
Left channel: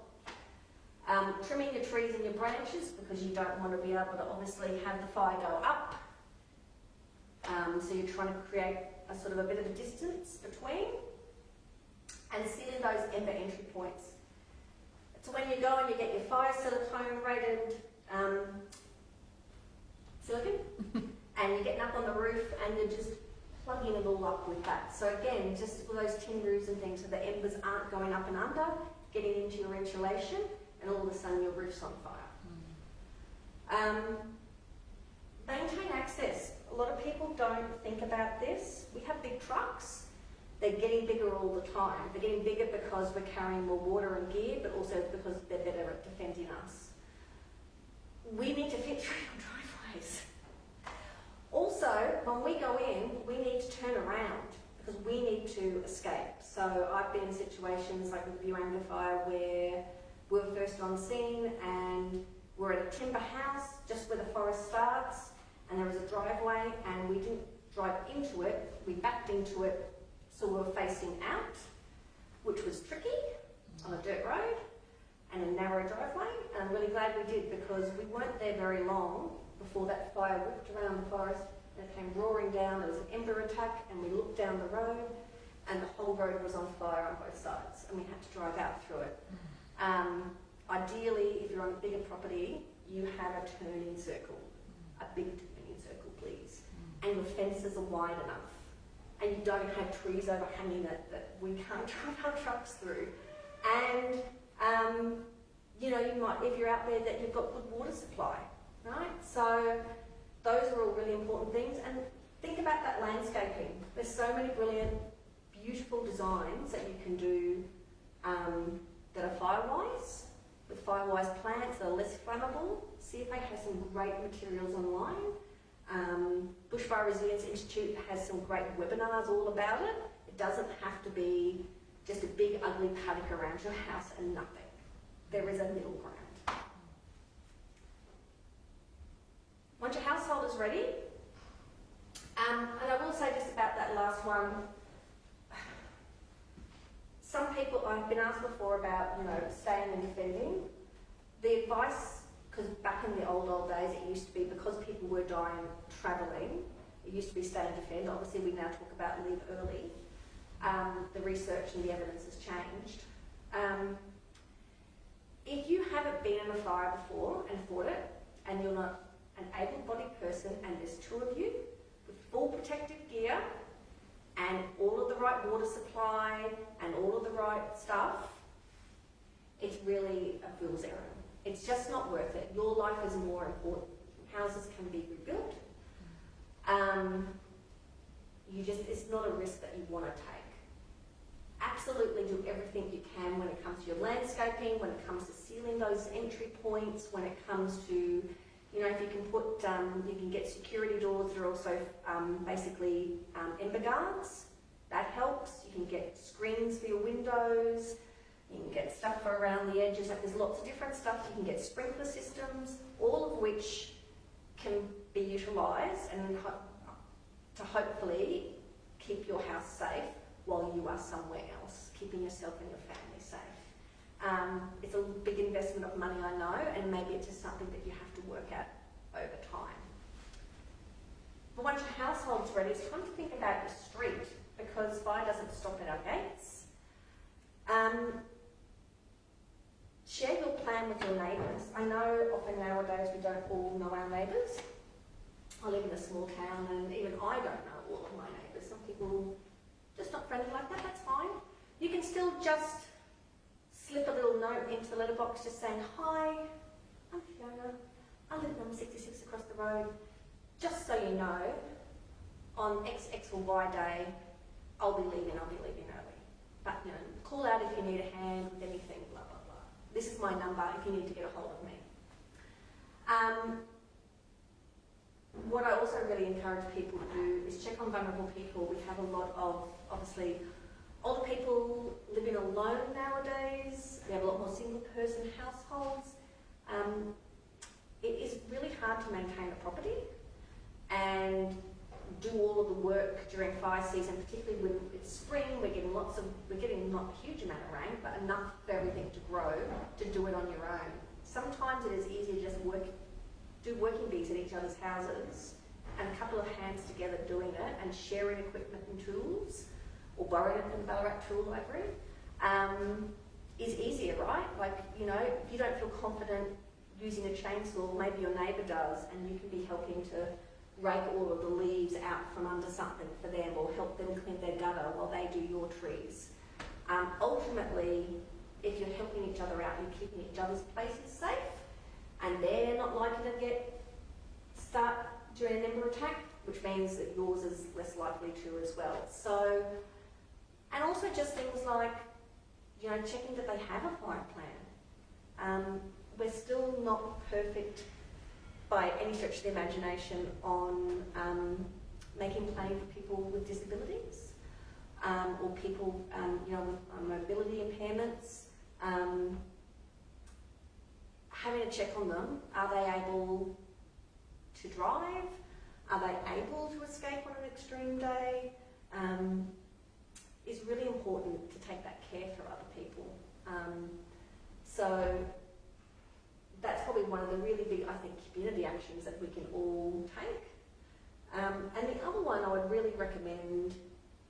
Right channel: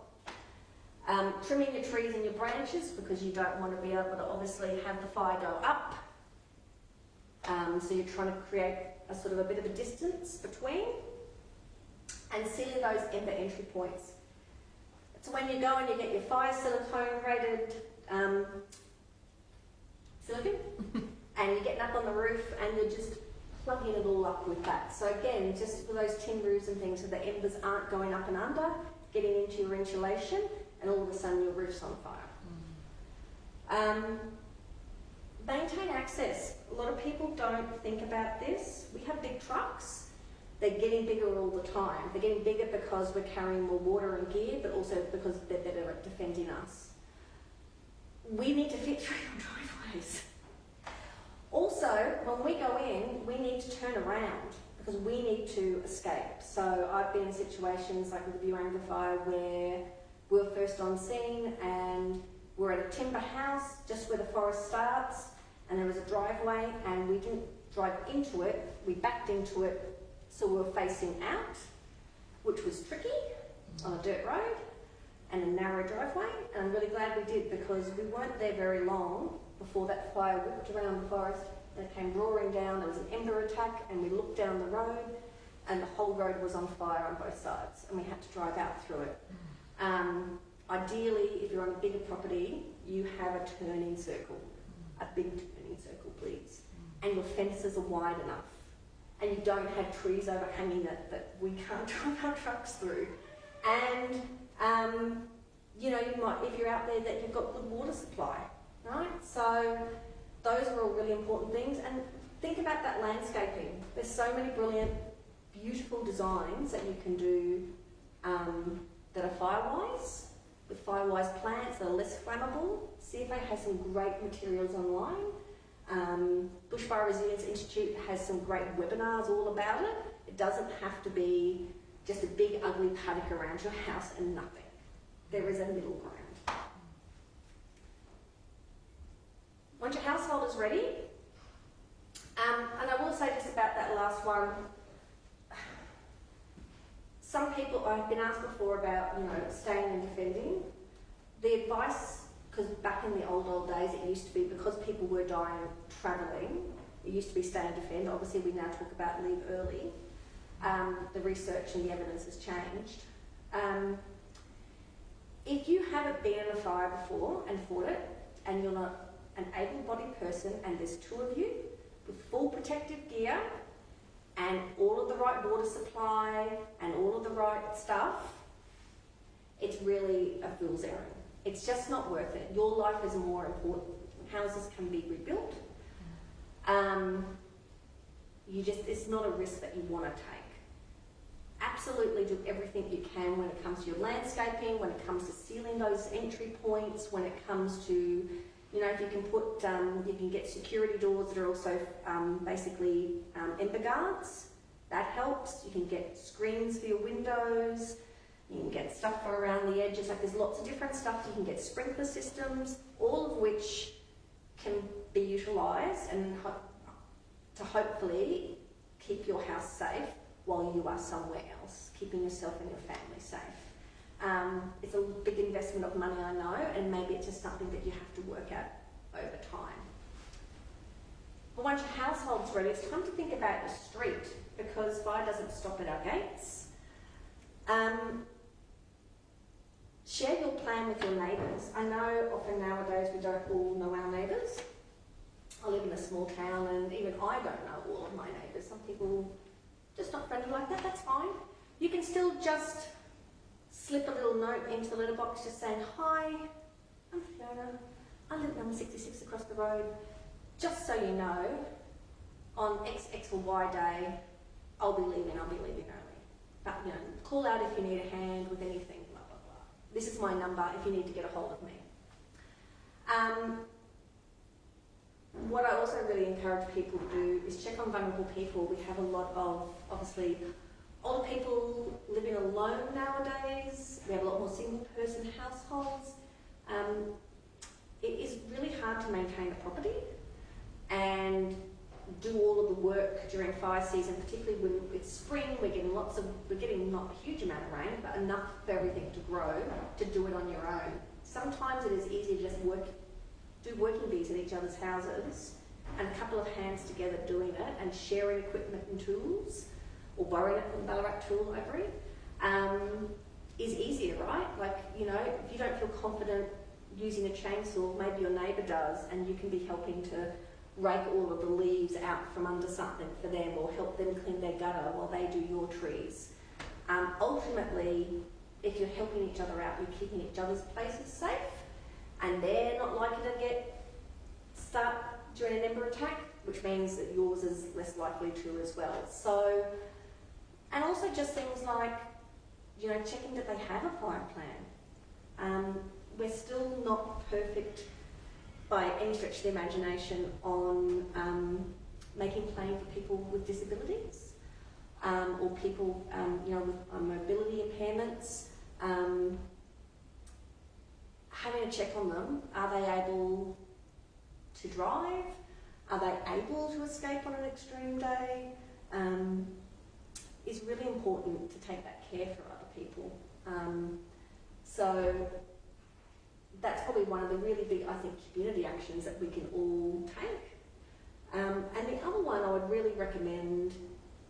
Trimming your trees and your branches because you don't want to be able to obviously have the fire go up. So you're trying to create a sort of a bit of a distance between. And sealing those ember entry points. So when you go and you get your fire silicone rated silicone, and you're getting up on the roof and you're just plugging it all up with that. So again, just for those tin roofs and things so the embers aren't going up and under, getting into your insulation, and all of a sudden your roof's on fire. Maintain access. A lot of people don't think about this. We have big trucks. They're getting bigger all the time. They're getting bigger because we're carrying more water and gear, but also because they're better at defending us. We need to fit through your driveways. Also, when we go in, we need to turn around because we need to escape. So I've been in situations like with the Buanga fire where we were first on scene and we're at a timber house just where the forest starts, and there was a driveway and we didn't drive into it, we backed into it, so we were facing out, which was tricky on a dirt road and a narrow driveway, and I'm really glad we did because we weren't there very long before that fire whipped around the forest and it came roaring down. There was an ember attack and we looked down the road and the whole road was on fire on both sides and we had to drive out through it. Ideally, if you're on a bigger property, you have a turning circle, a big turning circle please, and your fences are wide enough and you don't have trees overhanging that we can't drive our trucks through. And you know, you might, if you're out there, that you've got good water supply, right? So those are all really important things. And think about that landscaping. There's so many brilliant, beautiful designs that you can do that are firewise, with firewise plants that are less flammable. CFA has some great materials online. Bushfire Resilience Institute has some great webinars all about it. It doesn't have to be just a big ugly paddock around your house and nothing. There is a middle ground. Once your household is ready, and I will say just about that last one, some people, I've been asked before about, you know, staying and defending. The advice, because back in the old days it used to be because people were dying travelling, it used to be stay and defend. Obviously we now talk about leave early. The research and the evidence has changed. If you haven't been in a fire before and fought it, and you're not an able-bodied person and there's two of you with full protective gear and all of the right water supply and all of the right stuff, it's really a fool's errand. It's just not worth it. Your life is more important. Houses can be rebuilt. It's not a risk that you want to take. Absolutely do everything you can when it comes to your landscaping, when it comes to sealing those entry points, when it comes to, you know, if you can put, you can get security doors that are also basically ember guards. That helps. You can get screens for your windows. You can get stuff for around the edges. Like there's lots of different stuff. You can get sprinkler systems, all of which can be utilised and to hopefully keep your house safe while you are somewhere else, keeping yourself and your family safe. It's a big investment of money, I know, and maybe it's just something that you have to work at over time. But once your household's ready, it's time to think about your street, because fire doesn't stop at our gates. Share your plan with your neighbours. I know often nowadays we don't all know our neighbours. I live in a small town and even I don't know all of my neighbours. Some people just not friendly like that, that's fine. You can still just slip a little note into the letterbox just saying, "Hi, I'm Fiona. I live at number 66 across the road. Just so you know, on X or Y day, I'll be leaving early. But, you know, call out if you need a hand with anything, blah, blah, blah. This is my number if you need to get a hold of me." What I also really encourage people to do is check on vulnerable people. We have a lot of, obviously, older people living alone nowadays. We have a lot more single-person households. It is really hard to maintain a property and do all of the work during fire season, particularly when it's spring. We're getting not a huge amount of rain, but enough for everything to grow to do it on your own. Sometimes it is easier to just do working bees at each other's houses and a couple of hands together doing it and sharing equipment and tools, or borrowing it from the Ballarat Tool Library, is easier, right? Like, you know, if you don't feel confident using a chainsaw, maybe your neighbour does, and you can be helping to rake all of the leaves out from under something for them, or help them clean their gutter while they do your trees. Ultimately, if you're helping each other out, you're keeping each other's places safe, and they're not likely to start during an ember attack, which means that yours is less likely to as well. So, and also just things like, you know, checking that they have a fire plan. We're still not perfect by any stretch of the imagination on making planning for people with disabilities, or people, you know, with mobility impairments. Having a check on them. Are they able to drive? Are they able to escape on an extreme day? Is really important to take that care for other people. So that's probably one of the really big, I think, community actions that we can all take. And the other one I would really recommend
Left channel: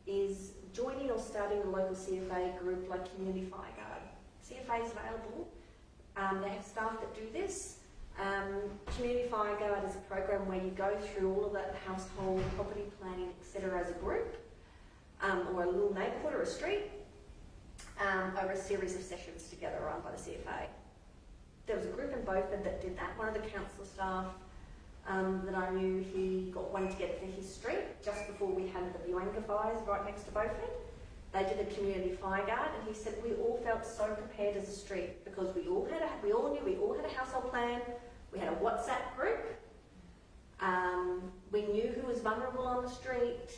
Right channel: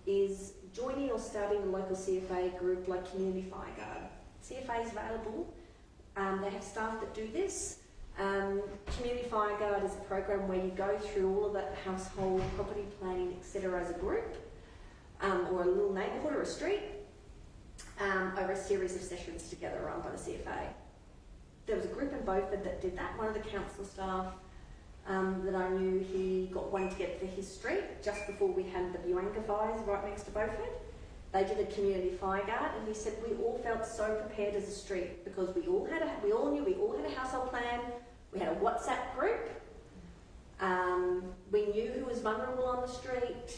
is joining or starting a local CFA group like Community Fire Guard. CFA is available. They have staff that do this. Community Fire Guard is a program where you go through all of that household, property planning, etc. as a group, or a little neighbourhood or a street, over a series of sessions together run by the CFA. There was a group in Beaufort that did that. One of the council staff that I knew, he got one together for his street just before we had the Buanga fires right next to Beaufort. They did a community fire guard, and he said we all felt so prepared as a street because we all had a household plan. We had a WhatsApp group. We knew who was vulnerable on the street.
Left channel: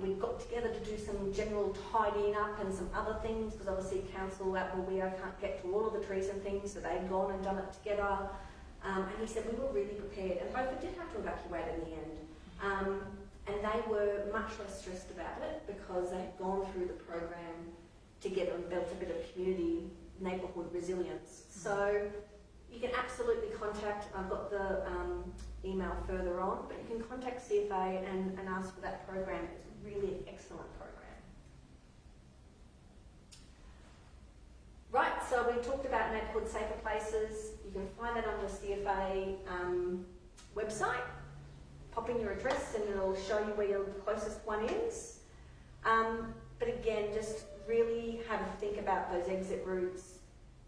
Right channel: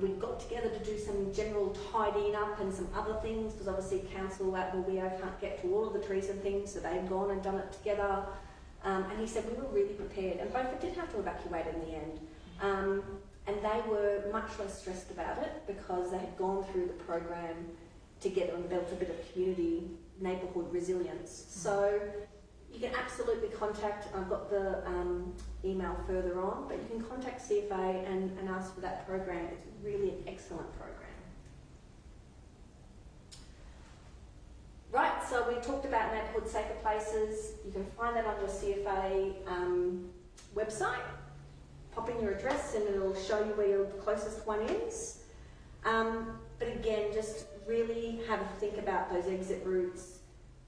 We got together to do some general tidying up and some other things, because obviously council out in Leo can't get to all of the trees and things, so they'd gone and done it together. And he said we were really prepared, and both did have to evacuate in the end. And they were much less stressed about it because they had gone through the program together and built a bit of community neighbourhood resilience. So you can absolutely contact, I've got the email further on, but you can contact CFA and ask for that program. It's really an excellent program. Right, so we talked about neighbourhood safer places. You can find that on the CFA website. Pop in your address and it'll show you where your closest one is. But again, just really have a think about those exit routes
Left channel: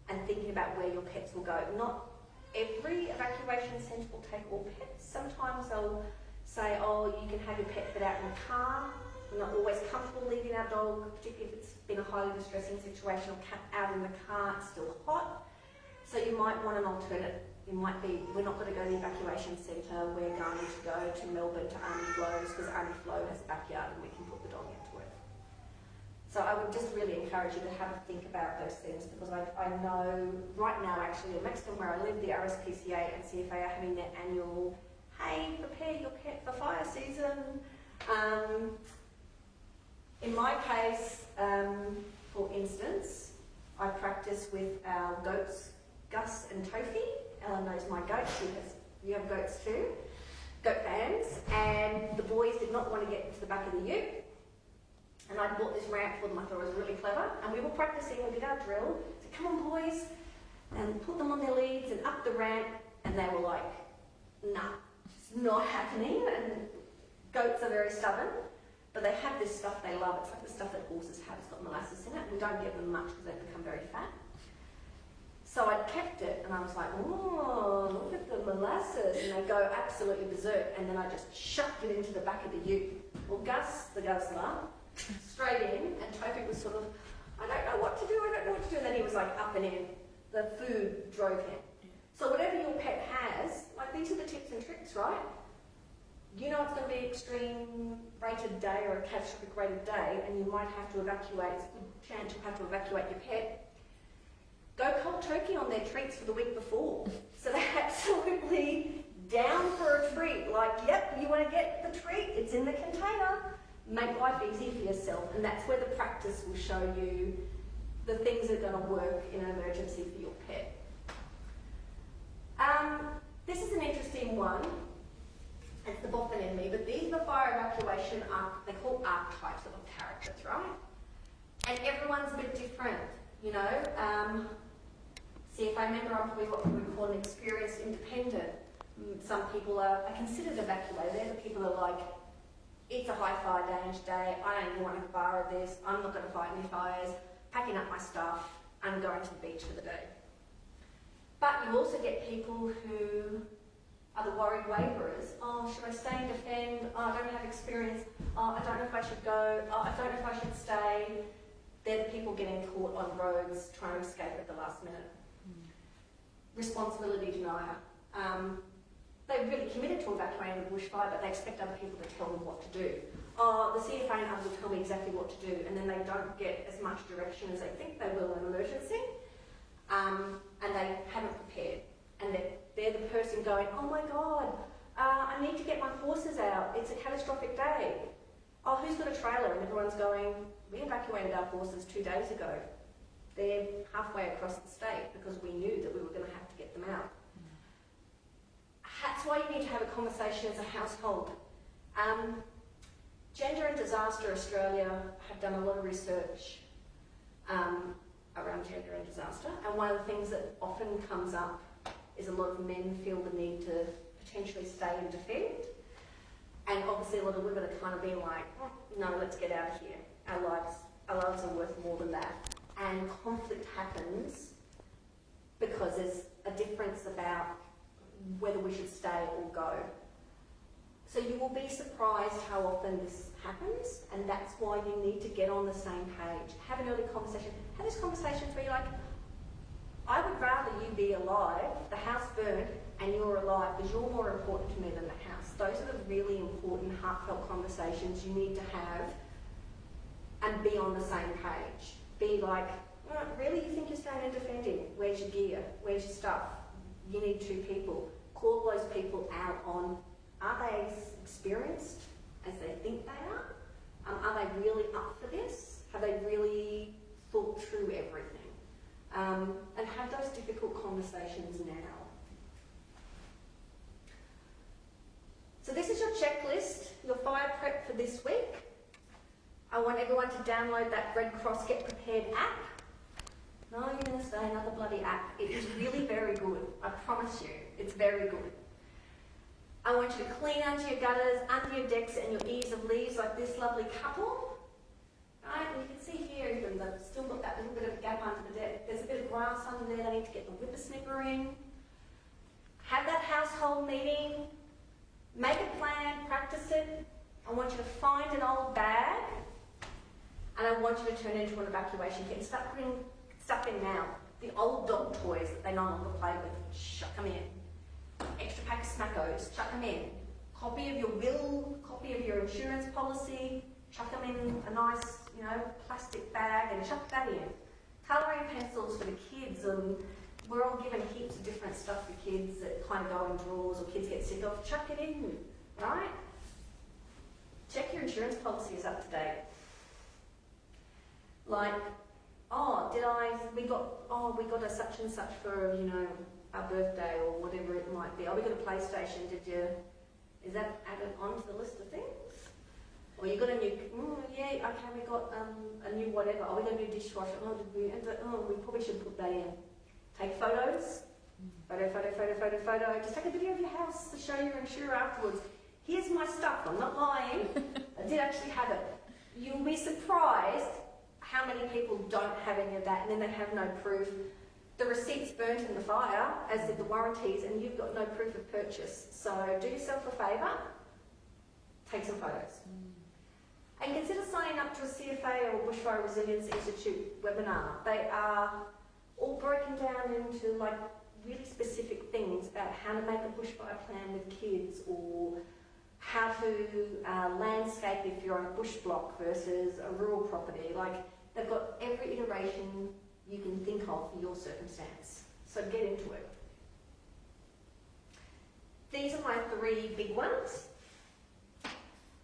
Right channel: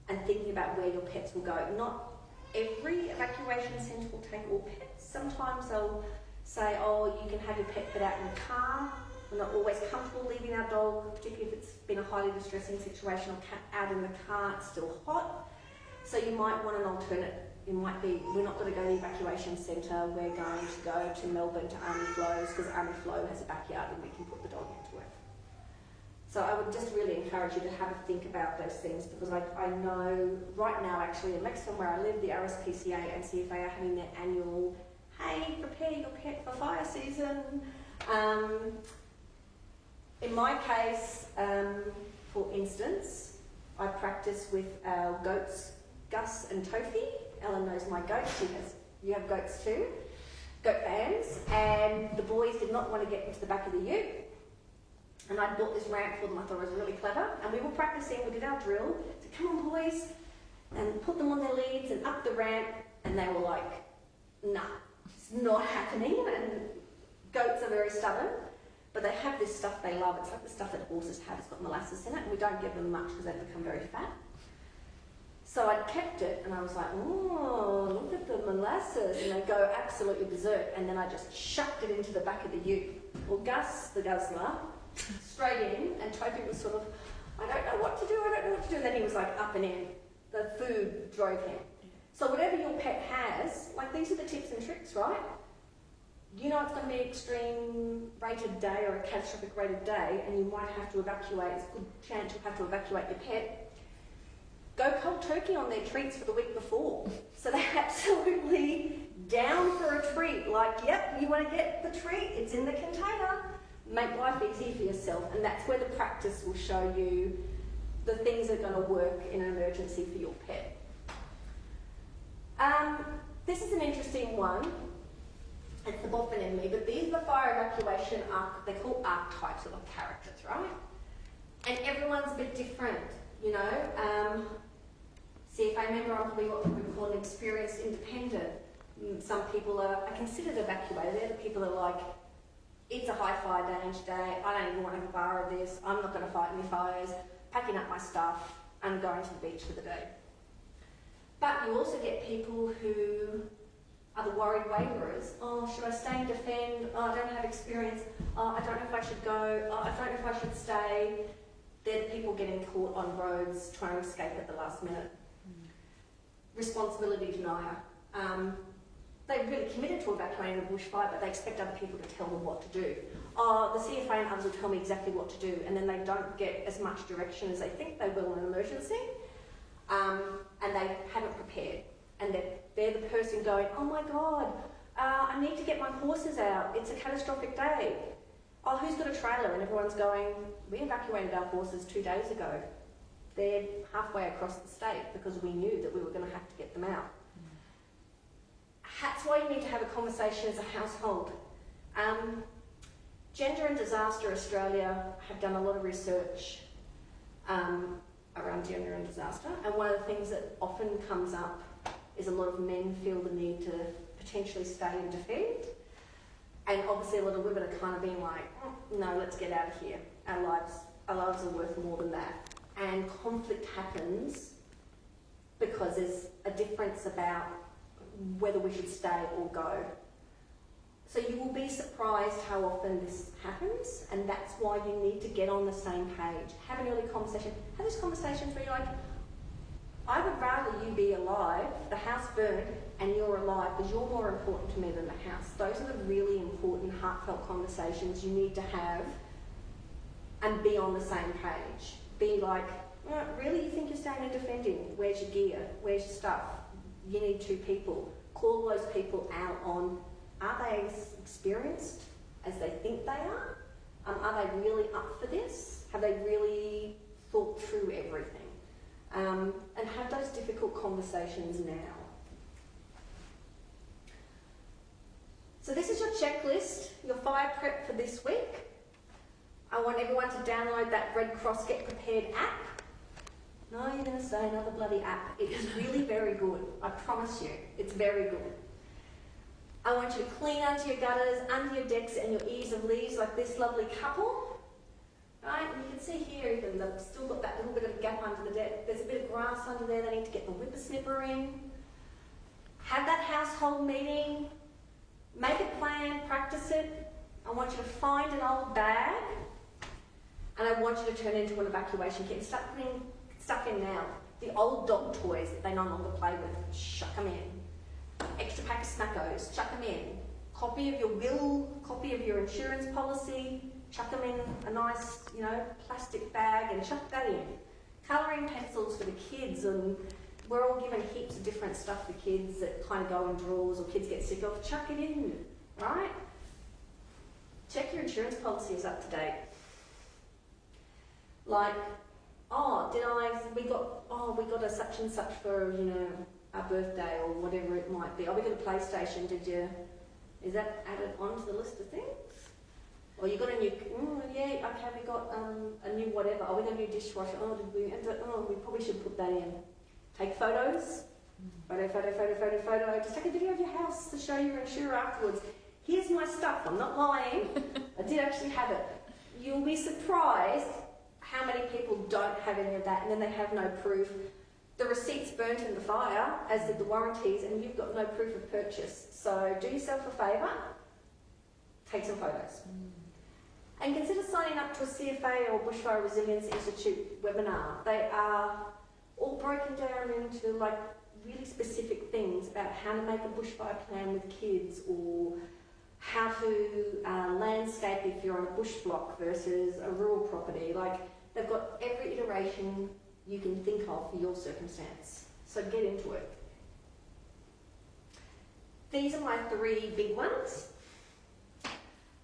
and thinking about where your pets will go. Not every evacuation centre will take all pets. Sometimes they'll say, oh, you can have your pet put out in the car. We're not always comfortable leaving our dog, particularly if it's been a highly distressing situation, or out in the car, it's still hot. So you might want an alternate. It might be, we're not going to go to the evacuation centre, we're going to go to Melbourne to Army Flows, because Army Flow has a backyard and we can put the dog into it. So I would just really encourage you to have a think about those things, because I know right now actually, next to where I live, the RSPCA and CFA are having their annual, hey, prepare your pet for fire season. In my case, for instance, I practice with our goats, Gus and Tofi. Ellen knows my goats, you have goats too, goat fans, and the boys did not want to get into the back of the ute. And I bought this ramp for them, I thought it was really clever, and we were practicing, we did our drill, so come on boys, and put them on their leads and up the ramp, and they were like, nah, it's not happening, and goats are very stubborn, but they have this stuff they love. It's like the stuff that horses have, it's got molasses in it, and we don't give them much because they become very fat. So I kept it, and I was like, oh, look at the molasses, and they go absolutely berserk, and then I just shoved it into the back of the ute. Well, Gus, the guzzler, straight in, and Toby was sort of, I don't know what to do, and then he was like up and in. The food drove him. So whatever your pet has, like these are the tips and tricks, right? You know it's going to be an extreme rated day or a catastrophic rated day, and you might have to evacuate. It's a good chance you'll have to evacuate your pet. Go cold turkey on their treats for the week before. So they're absolutely down for a treat. Like, yep, you want to get the treat, it's in the container. Make life easy for yourself. And that's where the practice will show you the things that are going to work in an emergency for your pet. This is an interesting one. It's the boffin in me, but these are the fire evacuation they're called archetypes or the characters, right? And everyone's a bit different, you know. CFA member, I'm probably what we would call an experienced independent. Some people are considered evacuated. They're the people that are like, it's a high fire danger day, I don't even want to borrow this, I'm not going to fight any fires, packing up my stuff, and going to the beach for the day. But you also get people who are the worried waverers. Oh, should I stay and defend? Oh, I don't have experience. Oh, I don't know if I should go. Oh, I don't know if I should stay. They're the people getting caught on roads trying to escape at the last minute. Responsibility denier. They're really committed to evacuating the bushfire, but they expect other people to tell them what to do. Oh, the CFA and others will tell me exactly what to do, and then they don't get as much direction as they think they will in an emergency, and they haven't prepared. And they're the person going, oh my God, I need to get my horses out. It's a catastrophic day. Oh, who's got a trailer? And everyone's going, we evacuated our horses 2 days ago. They're halfway across the state because we knew that we were going to have to get them out. That's why you need to have a conversation as a household. Gender and Disaster Australia have done a lot of research around gender and disaster, and one of the things that often comes up is a lot of men feel the need to potentially stay and defend, and obviously a lot of women are kind of being like, no, let's get out of here. Our lives are worth more than that. And conflict happens because there's a difference about whether we should stay or go. So you will be surprised how often this happens, and that's why you need to get on the same page. Have an early conversation. Have these conversations where you're like, I would rather you be alive, the house burned, and you're alive, because you're more important to me than the house. Those are the really important, heartfelt conversations you need to have and be on the same page. Be like, really, you think you're staying and defending? Where's your gear? Where's your stuff? You need 2 people. Call those people out on, are they as experienced as they think they are? Are they really up for this? Have they really thought through everything? And have those difficult conversations now. So this is your checklist, your fire prep for this week. I want everyone to download that Red Cross Get Prepared app. No, you're going to say another bloody app. It is really very good. I promise you, it's very good. I want you to clean under your gutters, under your decks and your eaves of leaves like this lovely couple. Right, and you can see here even they've still got that little bit of a gap under the deck. There's a bit of grass under there, they need to get the whippersnipper in. Have that household meeting, make a plan, practice it. I want you to find an old bag and I want you to turn it into an evacuation kit and start putting stuff in now. The old dog toys that they no longer play with, chuck them in. Extra pack of Smackos, chuck them in. Copy of your will, copy of your insurance policy, chuck them in a nice, plastic bag and chuck that in. Colouring pencils for the kids, and we're all given heaps of different stuff for kids that kind of go in drawers or kids get sick of. Chuck it in, right? Check your insurance policy is up to date. Like, we got a such and such for, our birthday or whatever it might be. Oh, we got a PlayStation, is that added onto the list of things? Or you got a new, we got a new whatever. Oh, we got a new dishwasher. We probably should put that in. Take photos. Photo. Just take a video of your house to show your insurer afterwards. Here's my stuff. I'm not lying. I did actually have it. You'll be surprised how many people don't have any of that, and then they have no proof. the receipts burnt in the fire, as did the warranties, and you've got no proof of purchase. So do yourself a favour, take some photos. And consider signing up to a CFA or Bushfire Resilience Institute webinar. They are all broken down into like really specific things about how to make a bushfire plan with kids, or how to landscape if you're on a bush block versus a rural property. Like, they've got every iteration you can think of for your circumstance. So get into it. These are my 3 big ones.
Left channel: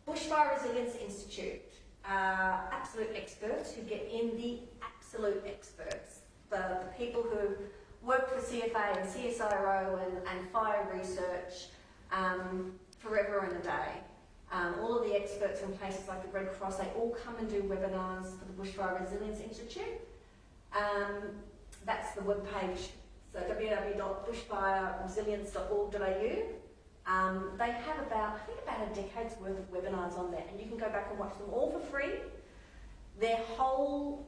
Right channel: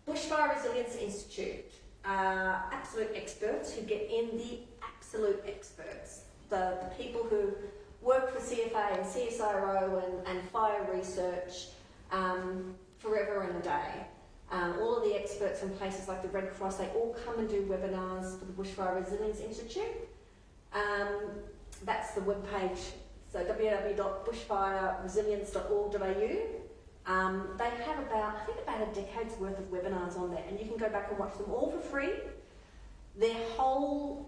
Bushfire Resilience Institute, absolute experts who get in, the absolute experts, the people who worked for CFA and CSIRO and fire research forever and a day. All of the experts in places like the Red Cross, they all come and do webinars for the Bushfire Resilience Institute. That's the webpage, so www.bushfireresilience.org.au. They have about a decade's worth of webinars on there, and you can go back and watch them all for free. Their whole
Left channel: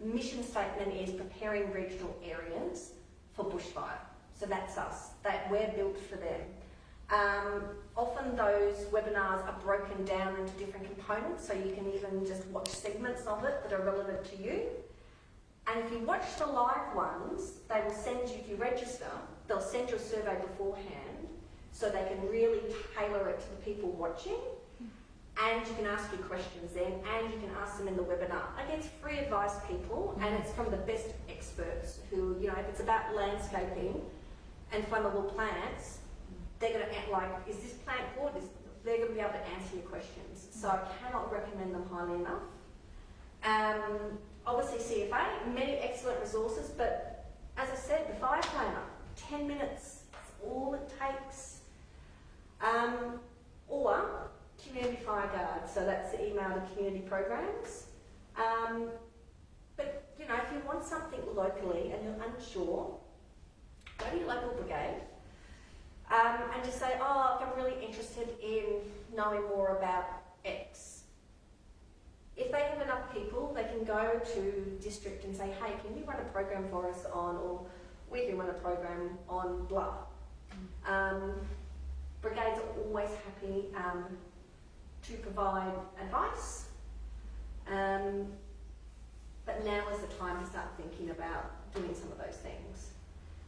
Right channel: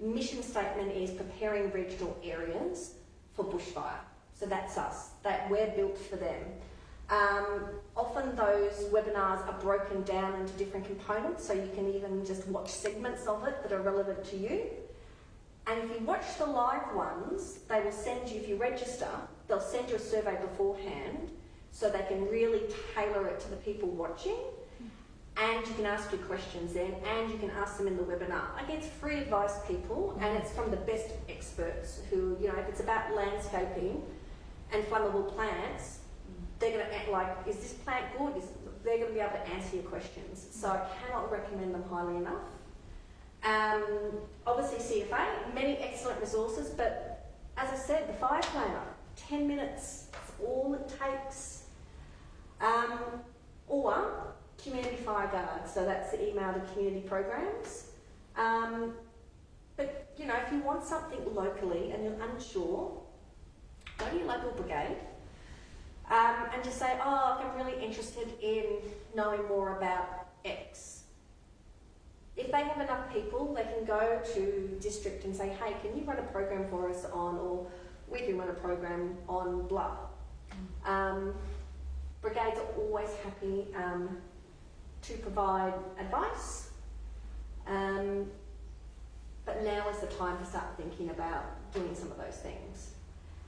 mission statement is preparing regional areas for bushfire. So that's us, that we're built for them. Often those webinars are broken down into different components, so you can even just watch segments of it that are relevant to you. And if you watch the live ones, they will send you, if you register, they'll send you a survey beforehand, so they can really tailor it to the people watching. And you can ask your questions then, and you can ask them in the webinar. Like, it's free advice, people, and it's from the best experts who, you know, if it's about landscaping and flammable plants, they're going to, like, is this plant good? They're going to be able to answer your questions. So I cannot recommend them highly enough. Obviously CFA, many excellent resources, but as I said, the fire planner, 10 minutes, that's all it takes. Or community fire guards, so that's the email to community programs. But you know, if you want something locally and you're unsure, go to your local brigade and just say, oh, I'm really interested in knowing more about X. If they have enough people, they can go to district and say, hey, can you run a program for us on, or we can run a program on blah. Brigades are always happy to provide advice, but now is the time to start thinking about doing some of those things.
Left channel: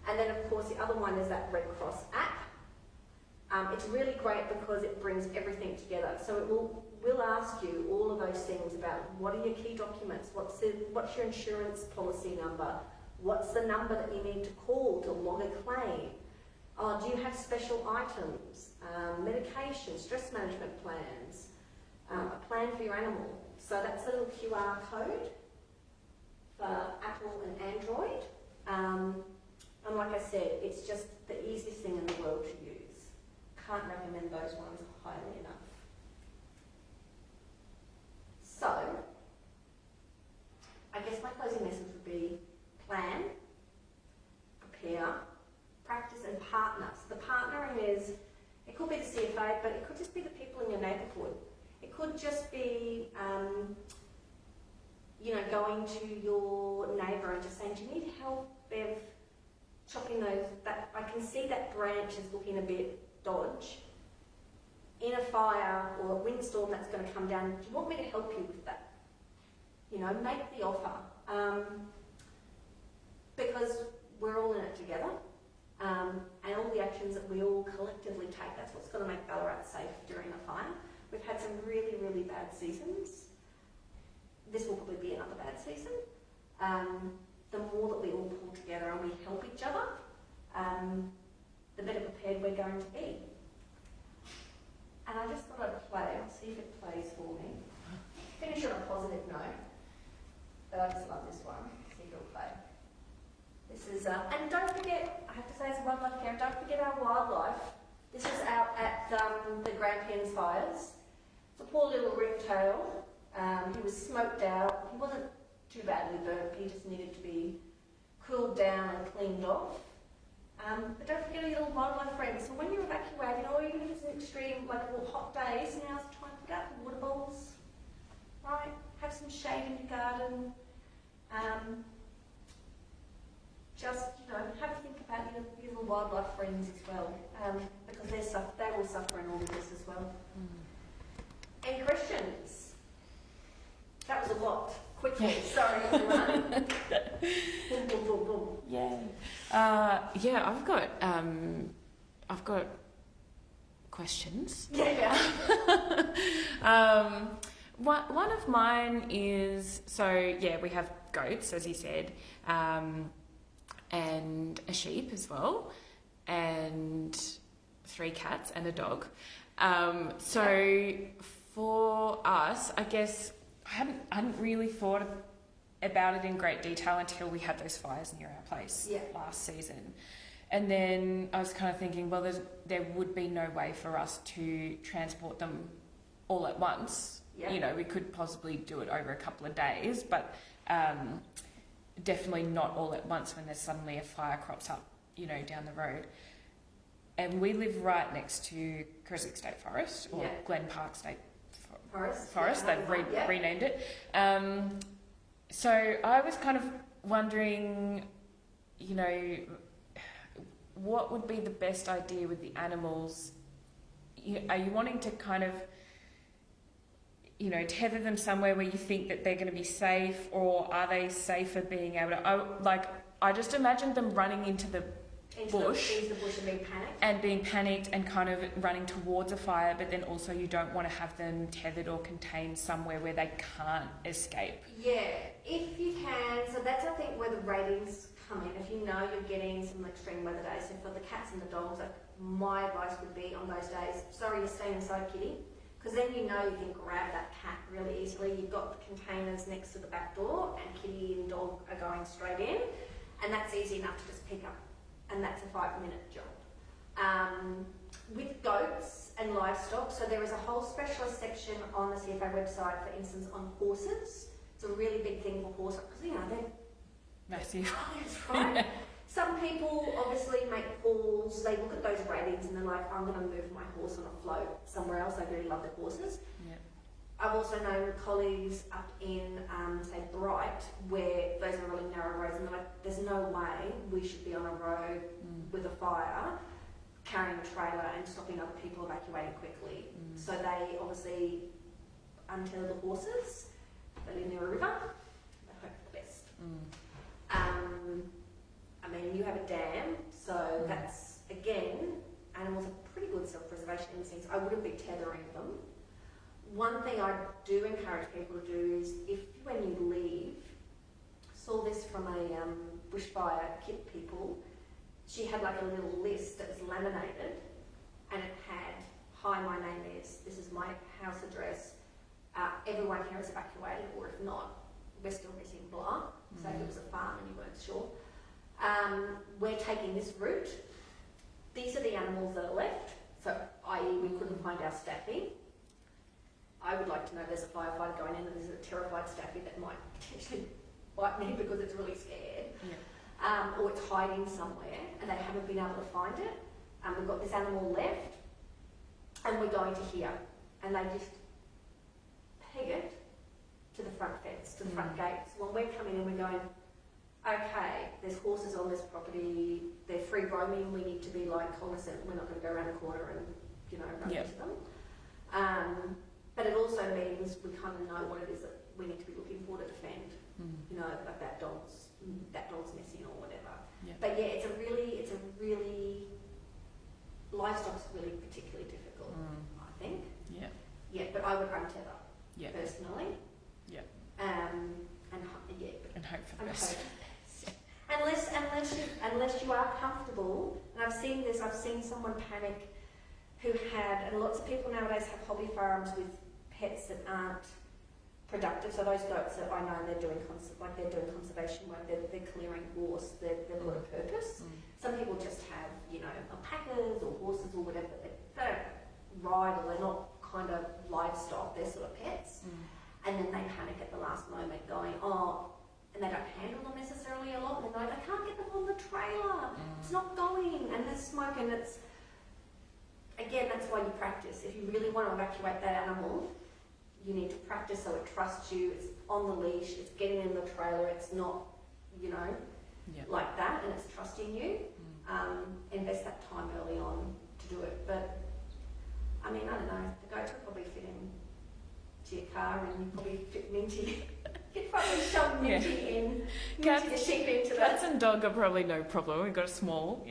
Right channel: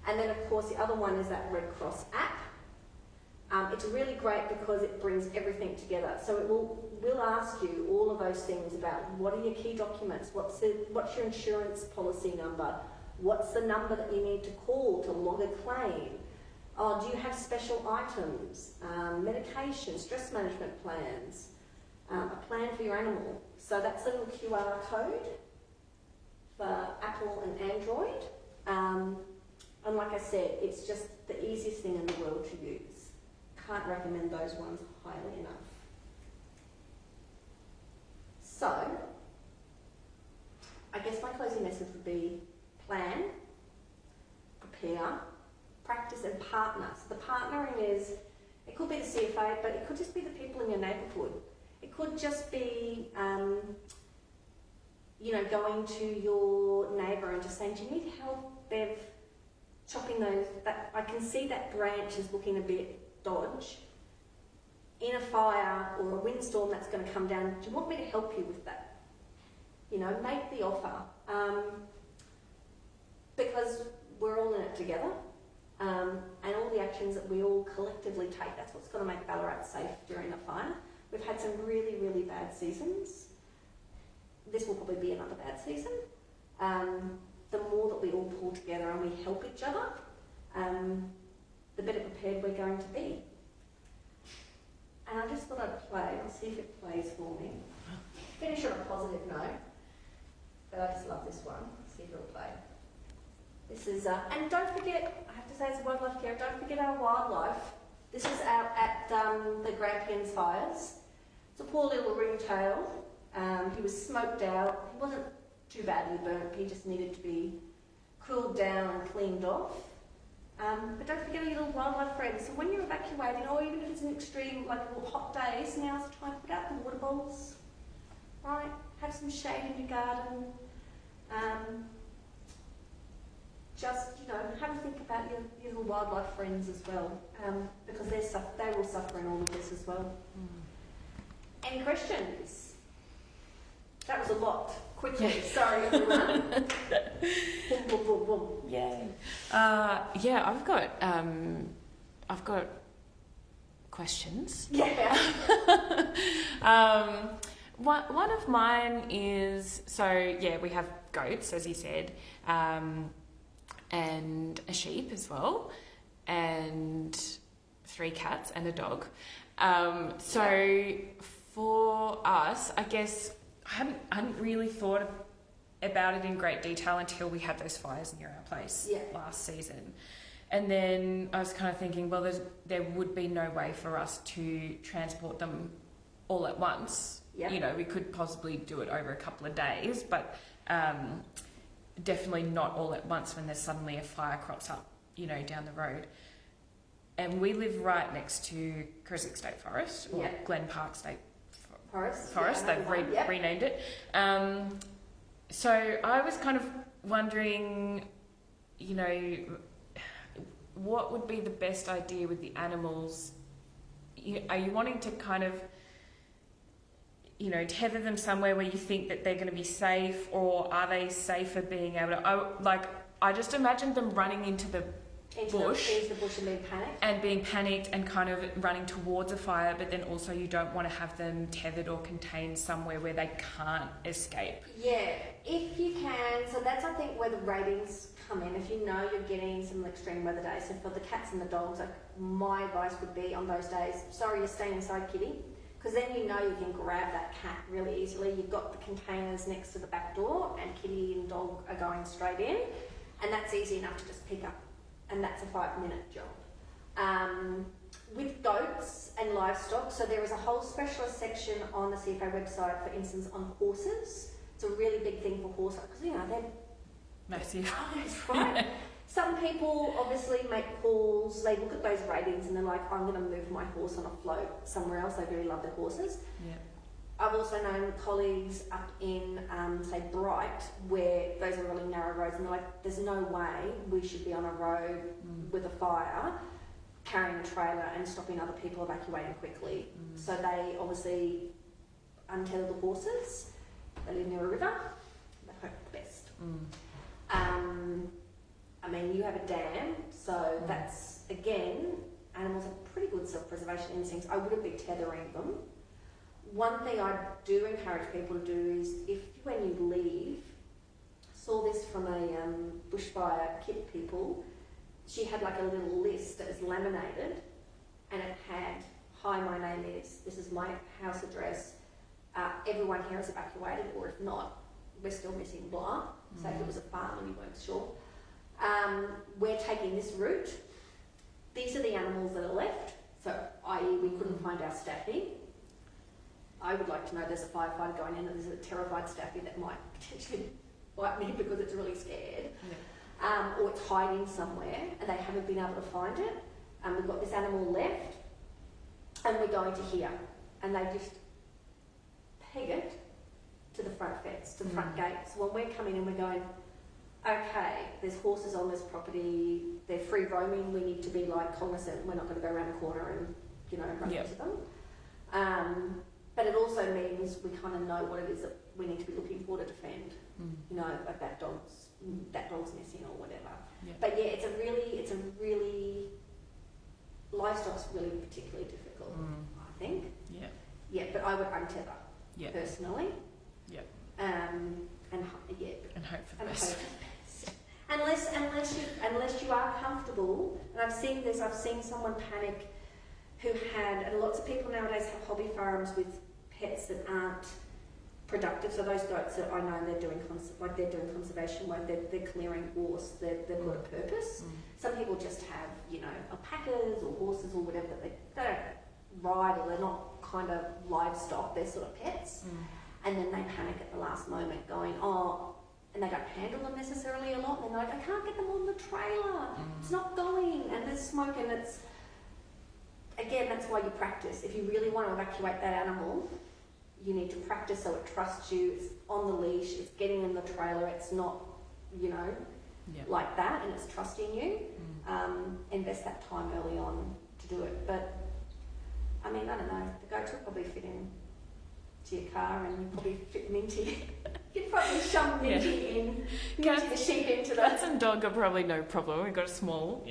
And then of course the other one is that Red Cross app. It's really great because it brings everything together. So it will ask you all of those things about what are your key documents, what's your insurance policy number, what's the number that you need to call to log a claim, do you have special items, medication, stress management plans, a plan for your animal. So that's a little QR code for Apple and Android. And like I said, it's just the easiest thing in the world to use. Can't recommend those ones highly enough. So, I guess my closing message would be plan, prepare, practice and partner. So the partnering is, it could be the CFA, but it could just be the people in your neighbourhood. It could just be, you know, going to your neighbour and just saying, do you need help, Bev, chopping those, I can see that branch is looking a bit dodge. In a fire or a windstorm that's going to come down, do you want me to help you with that? You know, make the offer. Because we're all in it together. And all the actions that we all collectively take, that's what's going to make Ballarat safe during a fire. We've had some really, really bad seasons. This will probably be another bad season. The more that we all pull together and we help each other, the better prepared we're going to be. And I just thought I'd play, I'll see if it plays for me. Finish on a positive note, but I just love this one, see if it'll play. This is, and don't forget, I have to say as a wildlife carer, don't forget our wildlife. This is out at the Grampians fires. It's a poor little ringtail. He was smoked out. He wasn't too badly burnt, he just needed to be cooled down and cleaned off. But don't forget your little wildlife friends. So when you're evacuated, or even if it's an extreme, like hot days, now's the time to put out the water bowls. Right? Have some shade in your garden. just, have a think about your little wildlife friends as well, because they will suffer in all of this as well. Any questions? That was a lot. Quickly, sorry everyone. Boom, boom, boom, boom. Yay. I've got questions. Yeah. One of mine is, we have goats, as you said, and a sheep as well, and 3 cats and a dog. So for us, I guess I hadn't really thought about it in great detail until we had those fires near our place last season. And then I was kind of thinking, well, there would be no way for us to transport them all at once. Yep. We could possibly do it over a couple of days, but definitely not all at once when there's suddenly a fire crops up, down the road. And we live right next to Creswick State Forest, or Glen Park State Forest. They've renamed it. So I was kind of wondering, what would be the best idea with the animals? Are you wanting to kind of, tether them somewhere where you think that they're going to be safe, or are they safer being able to... I just imagined them running into the bush and being panicked and kind of running towards a fire, but then also you don't want to have them tethered or contained somewhere where they can't escape. Yeah, if you can. So that's, I think, where the ratings come in. If you're getting some extreme weather days, so for the cats and the dogs, my advice would be on those days, sorry, you're staying inside, kitty, because then you can grab that cat really easily. You've got the containers next to the back door, and kitty and dog are going straight in, and that's easy enough to just pick up. And that's a 5-minute job. With goats and livestock, so there is a whole specialist section on the CFA website, for instance, on horses. It's a really big thing for horses, because they're massive. That's right. Some people obviously make calls, they look at those ratings and they're like, I'm going to move my horse on a float somewhere else. They really love their horses. Yeah. I've also known colleagues up in, say, Bright, where those are really narrow roads, and they're like, there's no way we should be on a road with a fire, carrying a trailer and stopping other people evacuating quickly. So they obviously untether the horses, they live near a river, they hope for the best. You have a dam, so that's, again, animals have pretty good self-preservation instincts. I wouldn't be tethering them. One thing I do encourage people to do is, if when you leave, saw this from a bushfire kit people, she had like a little list that was laminated, and it had, hi, my name is, this is my house address, everyone here is evacuated, or if not, we're still missing blah. So if it was a farm and you weren't sure. We're taking this route. These are the animals that are left, so i.e. we couldn't find our staffy. I would like to know there's a firefighter going in and there's a terrified staffy that might potentially bite me because it's really scared. Or it's hiding somewhere and they haven't been able to find it. We've got this animal left and we're going to here. And they just peg it to the front fence, to the front gate. So when we're coming in, we're going, okay, there's horses on this property, they're free roaming, we need to be cognizant, we're not going to go around a corner and, run into them. But it also means we kind of know what it is that we need to be looking for to defend. Like that dog's missing or whatever. But yeah, it's a really livestock's really particularly difficult, I think. Yeah, but I would untether personally. And hope for the best. Unless you are comfortable, and I've seen someone panic who had, and lots of people nowadays have hobby farms with pets that aren't productive. So those goats that I know they're doing conservation work, they're clearing gorse, they've got a purpose. Some people just have, alpacas or horses or whatever, that they don't ride, or they're not kind of livestock, they're sort of pets. And then they panic at the last moment going, and they don't handle them necessarily a lot, and they're like, I can't get them on the trailer, it's not going, and there's smoke, and it's, again, that's why you practice. If you really want to evacuate that animal, you need to practice so it trusts you, it's on the leash, it's getting in the trailer, it's not, Yeah. like that, and it's trusting you. Invest that time early on to do it. But I mean, I don't know. The goats will probably fit in to your car, and you probably fit Minty. You'd probably shove Minty in, Minty the sheep into that. Cats and dog are probably no problem. We've got a small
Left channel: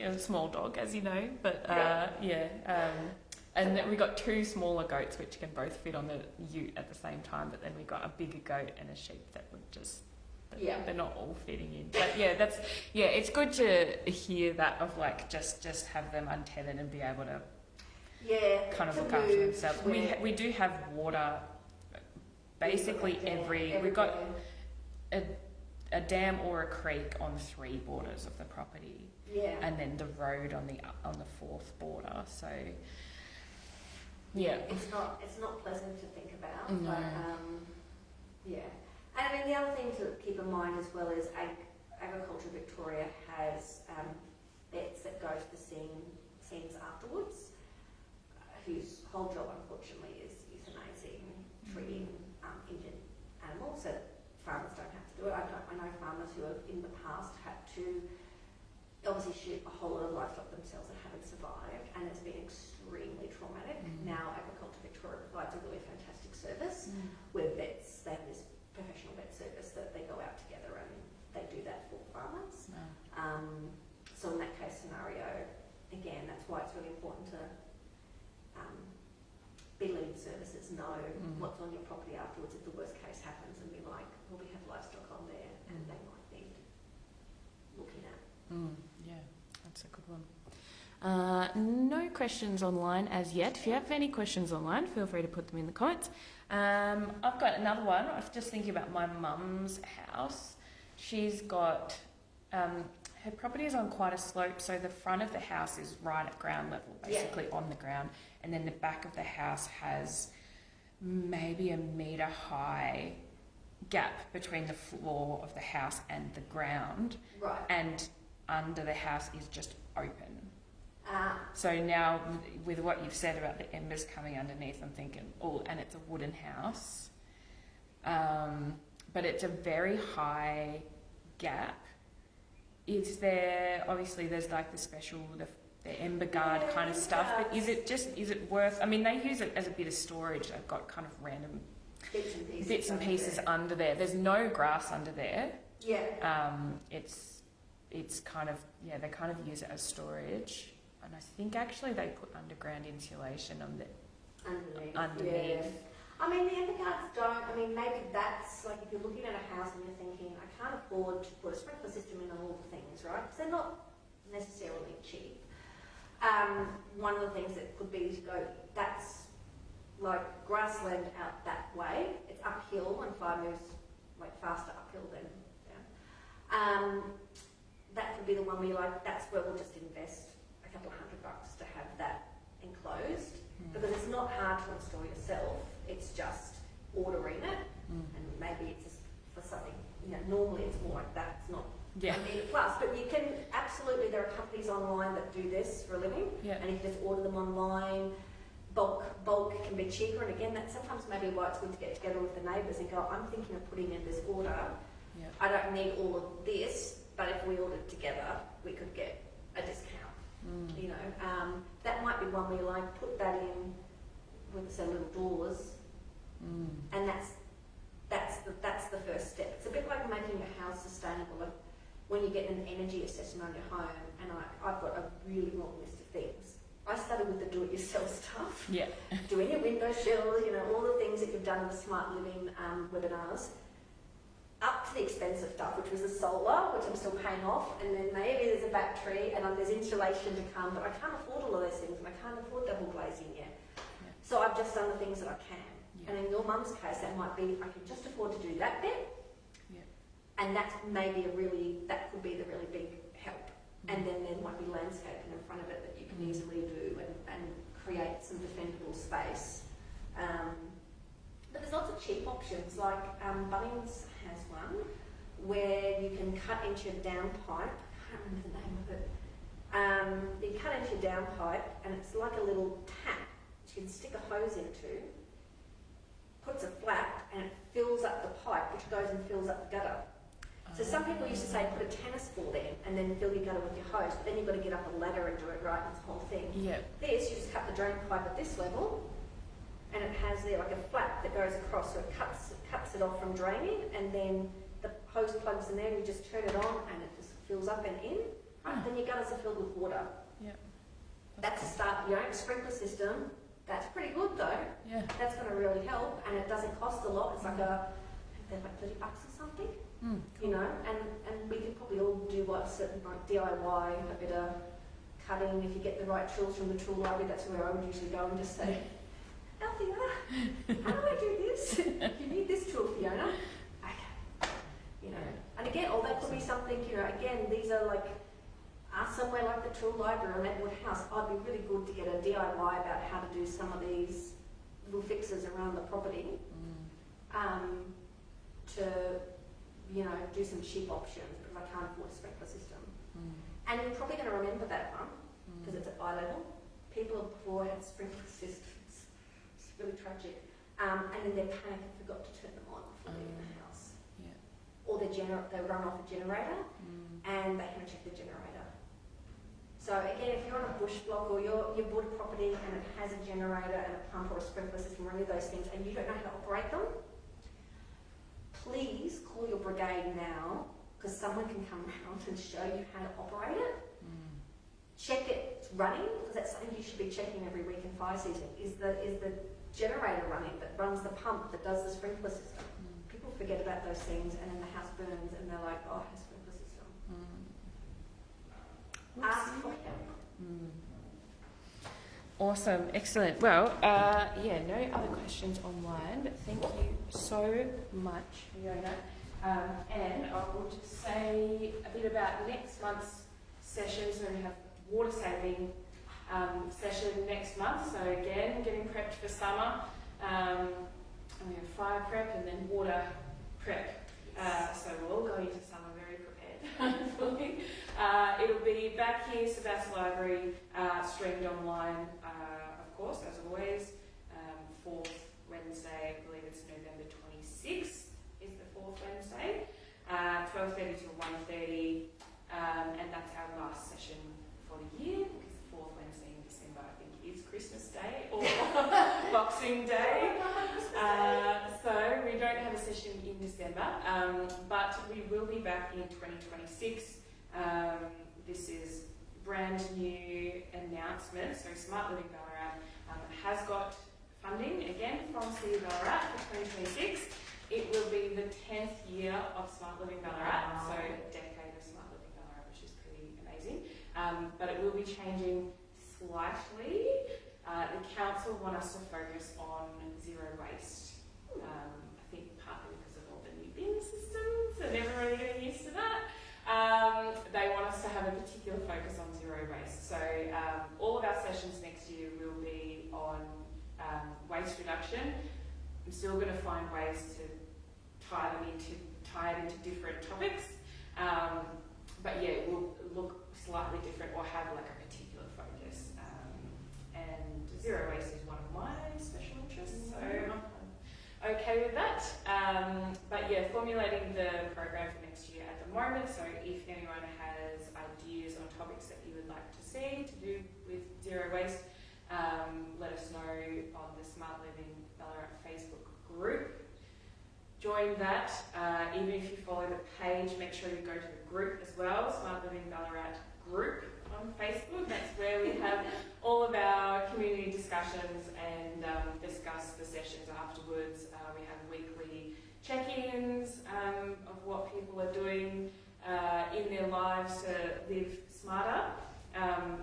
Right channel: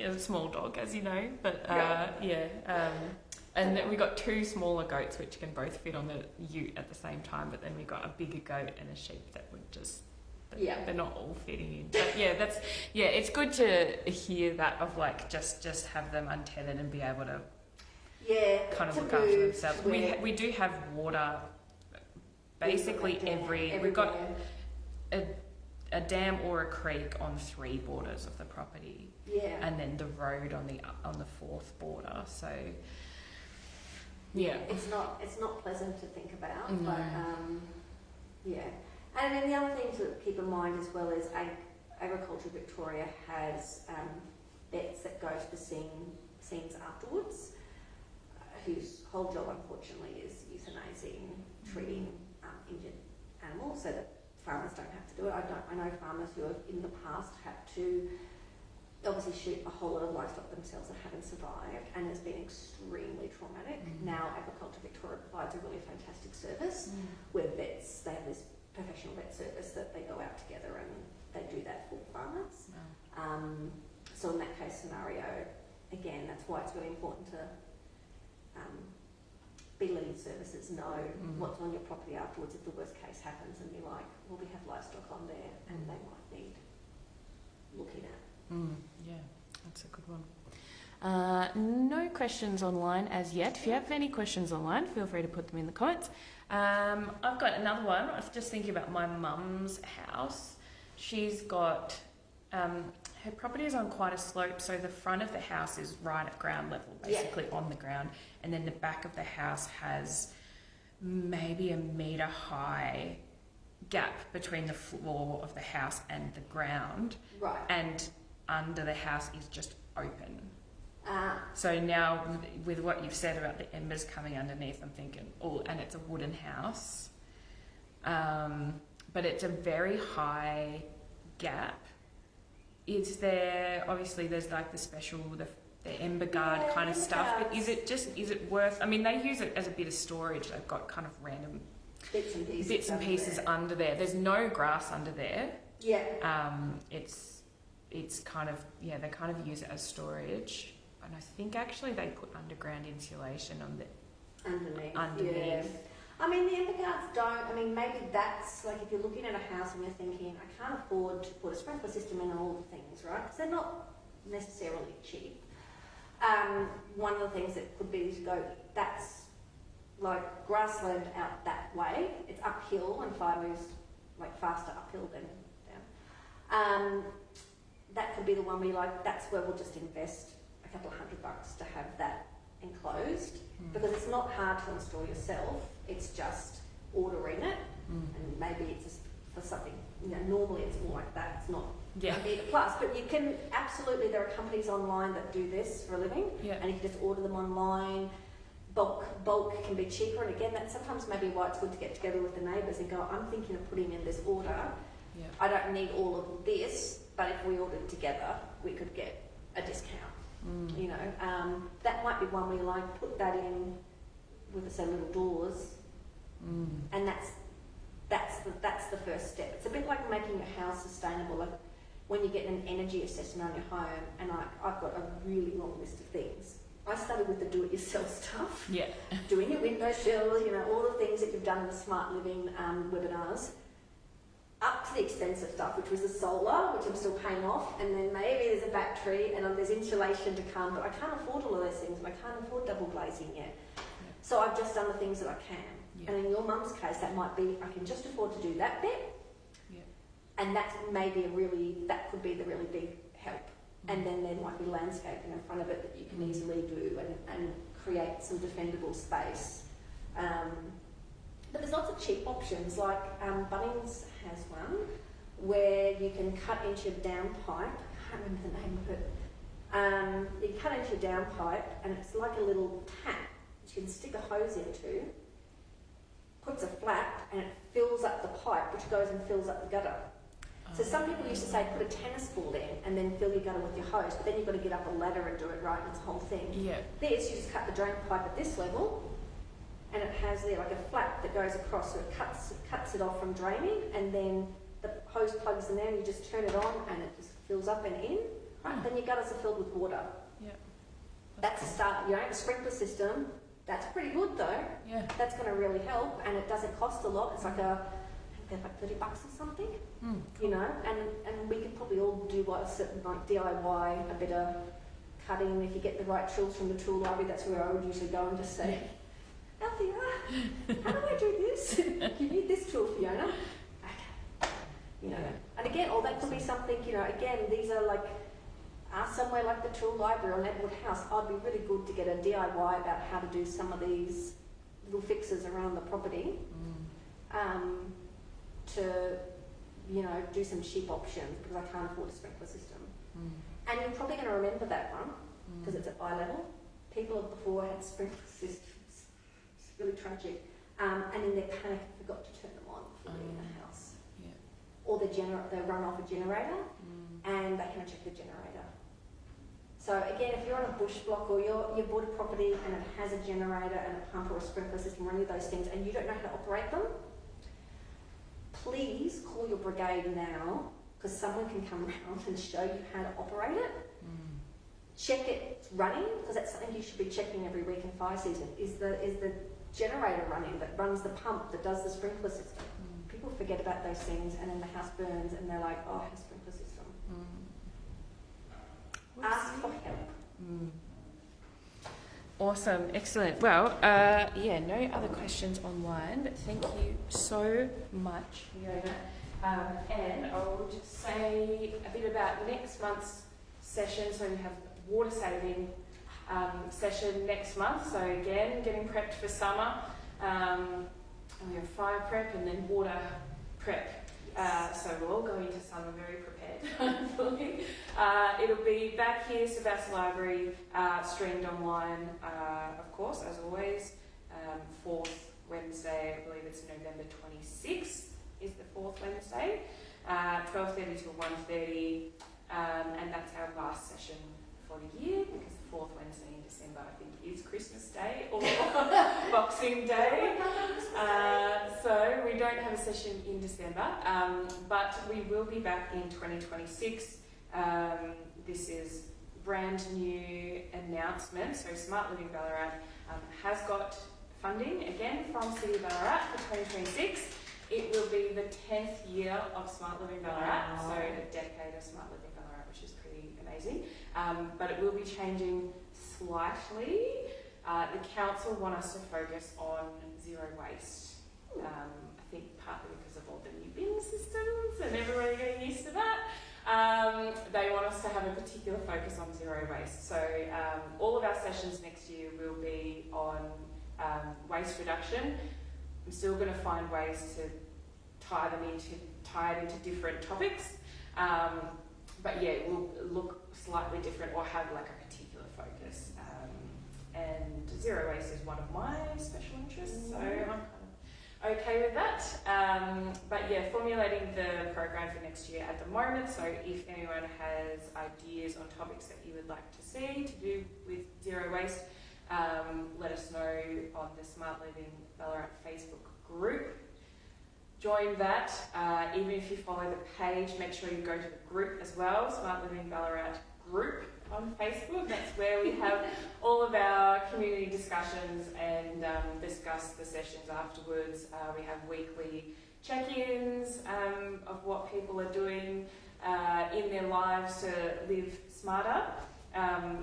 dog, as you know. But and then we got 2 smaller goats which can both fit on the ute at the same time. But then we got a bigger goat and a sheep that would just. They're not all fitting in. But it's good to hear that of like just have them untethered and be able to kind of look after themselves. We do have water basically we've got a dam or a creek on 3 borders of the property. Yeah. And then the road on the 4th border. So it's not pleasant to think about. No. But and then the other thing to keep in mind as well is Agriculture Victoria has vets that go to the scenes afterwards, whose whole job unfortunately is euthanizing, treating injured animals so that farmers don't have to do it. I know farmers who have in the past had to obviously shoot a whole lot of livestock themselves that haven't survived, and it's been extremely traumatic. Now Agriculture Victoria provides a really fantastic service where they have this professional vet service that they go out together and they do that for farmers. Wow. So in that case scenario, again, that's why it's really important to be letting services know what's on your property afterwards if the worst case happens, and be like, well, we have livestock on there and they might need looking at. Yeah, that's a good one. No questions online as yet. If you have any questions online, feel free to put them in the comments. I've got another one. I was just thinking about my mum's house. She's got her property is on quite a slope, so the front of the house is right at ground level, basically on the ground, and then the back of the house has maybe a metre high gap between the floor of the house and the ground, right, and under the house is just open. So now, with what you've said about the embers coming underneath, I'm thinking, and it's a wooden house, but it's a very high gap. Is there, obviously there's like the special, the ember guard kind of stuff, but is it worth, I mean, they use it as a bit of storage. They've got kind of random bits and pieces under there. There's no grass under there. Yeah. It's kind of, they kind of use it as storage. And I think actually they put underground insulation on the underneath. Yeah. I mean, the ember guards don't. I mean, maybe that's like if you're looking at a house and you're thinking, I can't afford to put a sprinkler system in and all the things, right? Because they're not necessarily cheap. One of the things that could be to go, that's like grassland out that way. It's uphill and fire moves like faster uphill than down. That could be the one where you're like, that's where we'll just invest a couple of $100 to have that enclosed, because it's not hard to install yourself. It's just ordering it, and maybe it's just for something. Normally it's more like that. It's not going to be a plus, but you can absolutely. There are companies online that do this for a living, and you can just order them online. Bulk can be cheaper, and again, that sometimes maybe why it's good to get together with the neighbours and go, I'm thinking of putting in this order. I don't need all of this, but if we ordered together, we could get a discount. That might be one where you like put that in with the little doors, and that's the first step. It's a bit like making your house sustainable. Like when you get an energy assessment on your home, and I've got a really long list of things. I started with the do-it-yourself stuff. Doing your window shells, all the things that you've done in the Smart Living webinars. Up to the expensive stuff, which was the solar, which I'm still paying off, and then maybe there's a battery, and there's insulation to come, but I can't afford all of those things, and I can't afford double glazing yet. So I've just done the things that I can. And in your mum's case, that might be, I can just afford to do that bit, and that could be the really big help. And then there might be landscaping in front of it that you can easily do and create some defendable space. But there's lots of cheap options, like Bunnings has one where you can cut into your downpipe. I can't remember the name of it. You cut into your downpipe, and it's like a little tap which you can stick a hose into, puts a flap, and it fills up the pipe, which goes and fills up the gutter. So some people used to say put a tennis ball in and then fill your gutter with your hose, but then you've got to get up a ladder and do it right, and it's the whole thing. Yeah. This, you just cut the drain pipe at this level, and it has there like a flap that goes across, so it cuts it off from draining, and then the hose plugs in there, and you just turn it on, and it just fills up and in. Right? Then your gutters are filled with water. Yeah. That's a start. You know, a sprinkler system. That's pretty good though. Yeah. That's going to really help, and it doesn't cost a lot. It's like they're like $30 or something. You know, and we can probably all do a certain like DIY, a bit of cutting. If you get the right tools from the tool library, that's where I would usually go and just say, Althea, how do I do this? You need this tool, Fiona. Okay. You know, and again, that could be something. You know, again, these are like. Somewhere like the tool library on Edward House, I'd be really good to get a DIY about how to do some of these little fixes around the property. To, you know, do some cheap options because I can't afford a sprinkler system. And you're probably going to remember that one because it's at eye level. People before had sprinkler systems. It's really tragic. And in their panic, forgot to turn them on before they're in the house. Yeah. Or they run off a generator and they can check the generator. So again, if you're on a bush block or you're bought a property and it has a generator and a pump or a sprinkler system or any of those things and you don't know how to operate them, please call your brigade now because someone can come around and show you how to operate it. Check it's running because that's something you should be checking every week in fire season. Is the generator running that runs the pump that does the sprinkler system? People forget about those things and then the house burns and they're like, oh, I have a sprinkler system. Ask for help. Awesome, excellent. Well, no other questions online, but thank you so much, Fiona. And I will just say a bit about next month's session. So we have water saving session next month. So again, getting prepped for summer. And we have fire prep and then water prep. So we're all going to summer very prepared, hopefully. It'll be back here, Sebastian Library, streamed online, of course, as always. 4th Wednesday, I believe it's November 26th, is the 4th Wednesday. 12:30 till 1:30, and that's our last session for the year because the 4th Wednesday in December, I think, is Christmas Day or Boxing Day. So we don't have a session in December, but we will be back in 2026. This is brand new announcement. So Smart Living Ballarat has got funding again from City of Ballarat for 2026. It will be the 10th year of Smart Living Ballarat, so a decade of Smart Living Ballarat, which is pretty amazing. But it will be changing slightly. The council want us to focus on zero waste. I think partly because of all the new bin systems and everybody getting used to that. They want us to have a particular focus on zero waste. So all of our sessions next year will be on waste reduction. I'm still going to find ways to tie it into different topics. But yeah, it will look slightly different or have like a particular focus. And zero waste is one of my special interests, so I'm okay with that. But yeah, formulating the program for next year at the moment. So if anyone has ideas on topics that you would like to see to do with zero waste, let us know on the Smart Living Ballarat Facebook group. Join that. Even if you follow the page, make sure you go to the group as well, Smart Living Ballarat group on Facebook. That's where we have all of our community discussions and discuss the sessions afterwards. We have weekly check-ins of what people are doing in their lives to live smarter,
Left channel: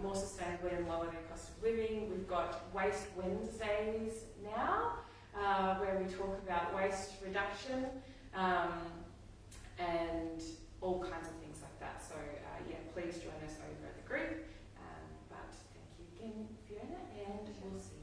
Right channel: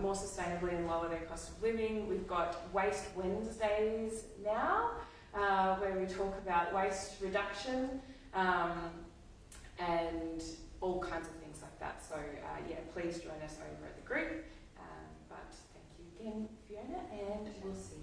more sustainably and lower their cost of living. We've got Waste Wednesdays now, where we talk about waste reduction and all kinds of things like that. So please join us over at the group. But thank you again, Fiona, and we'll see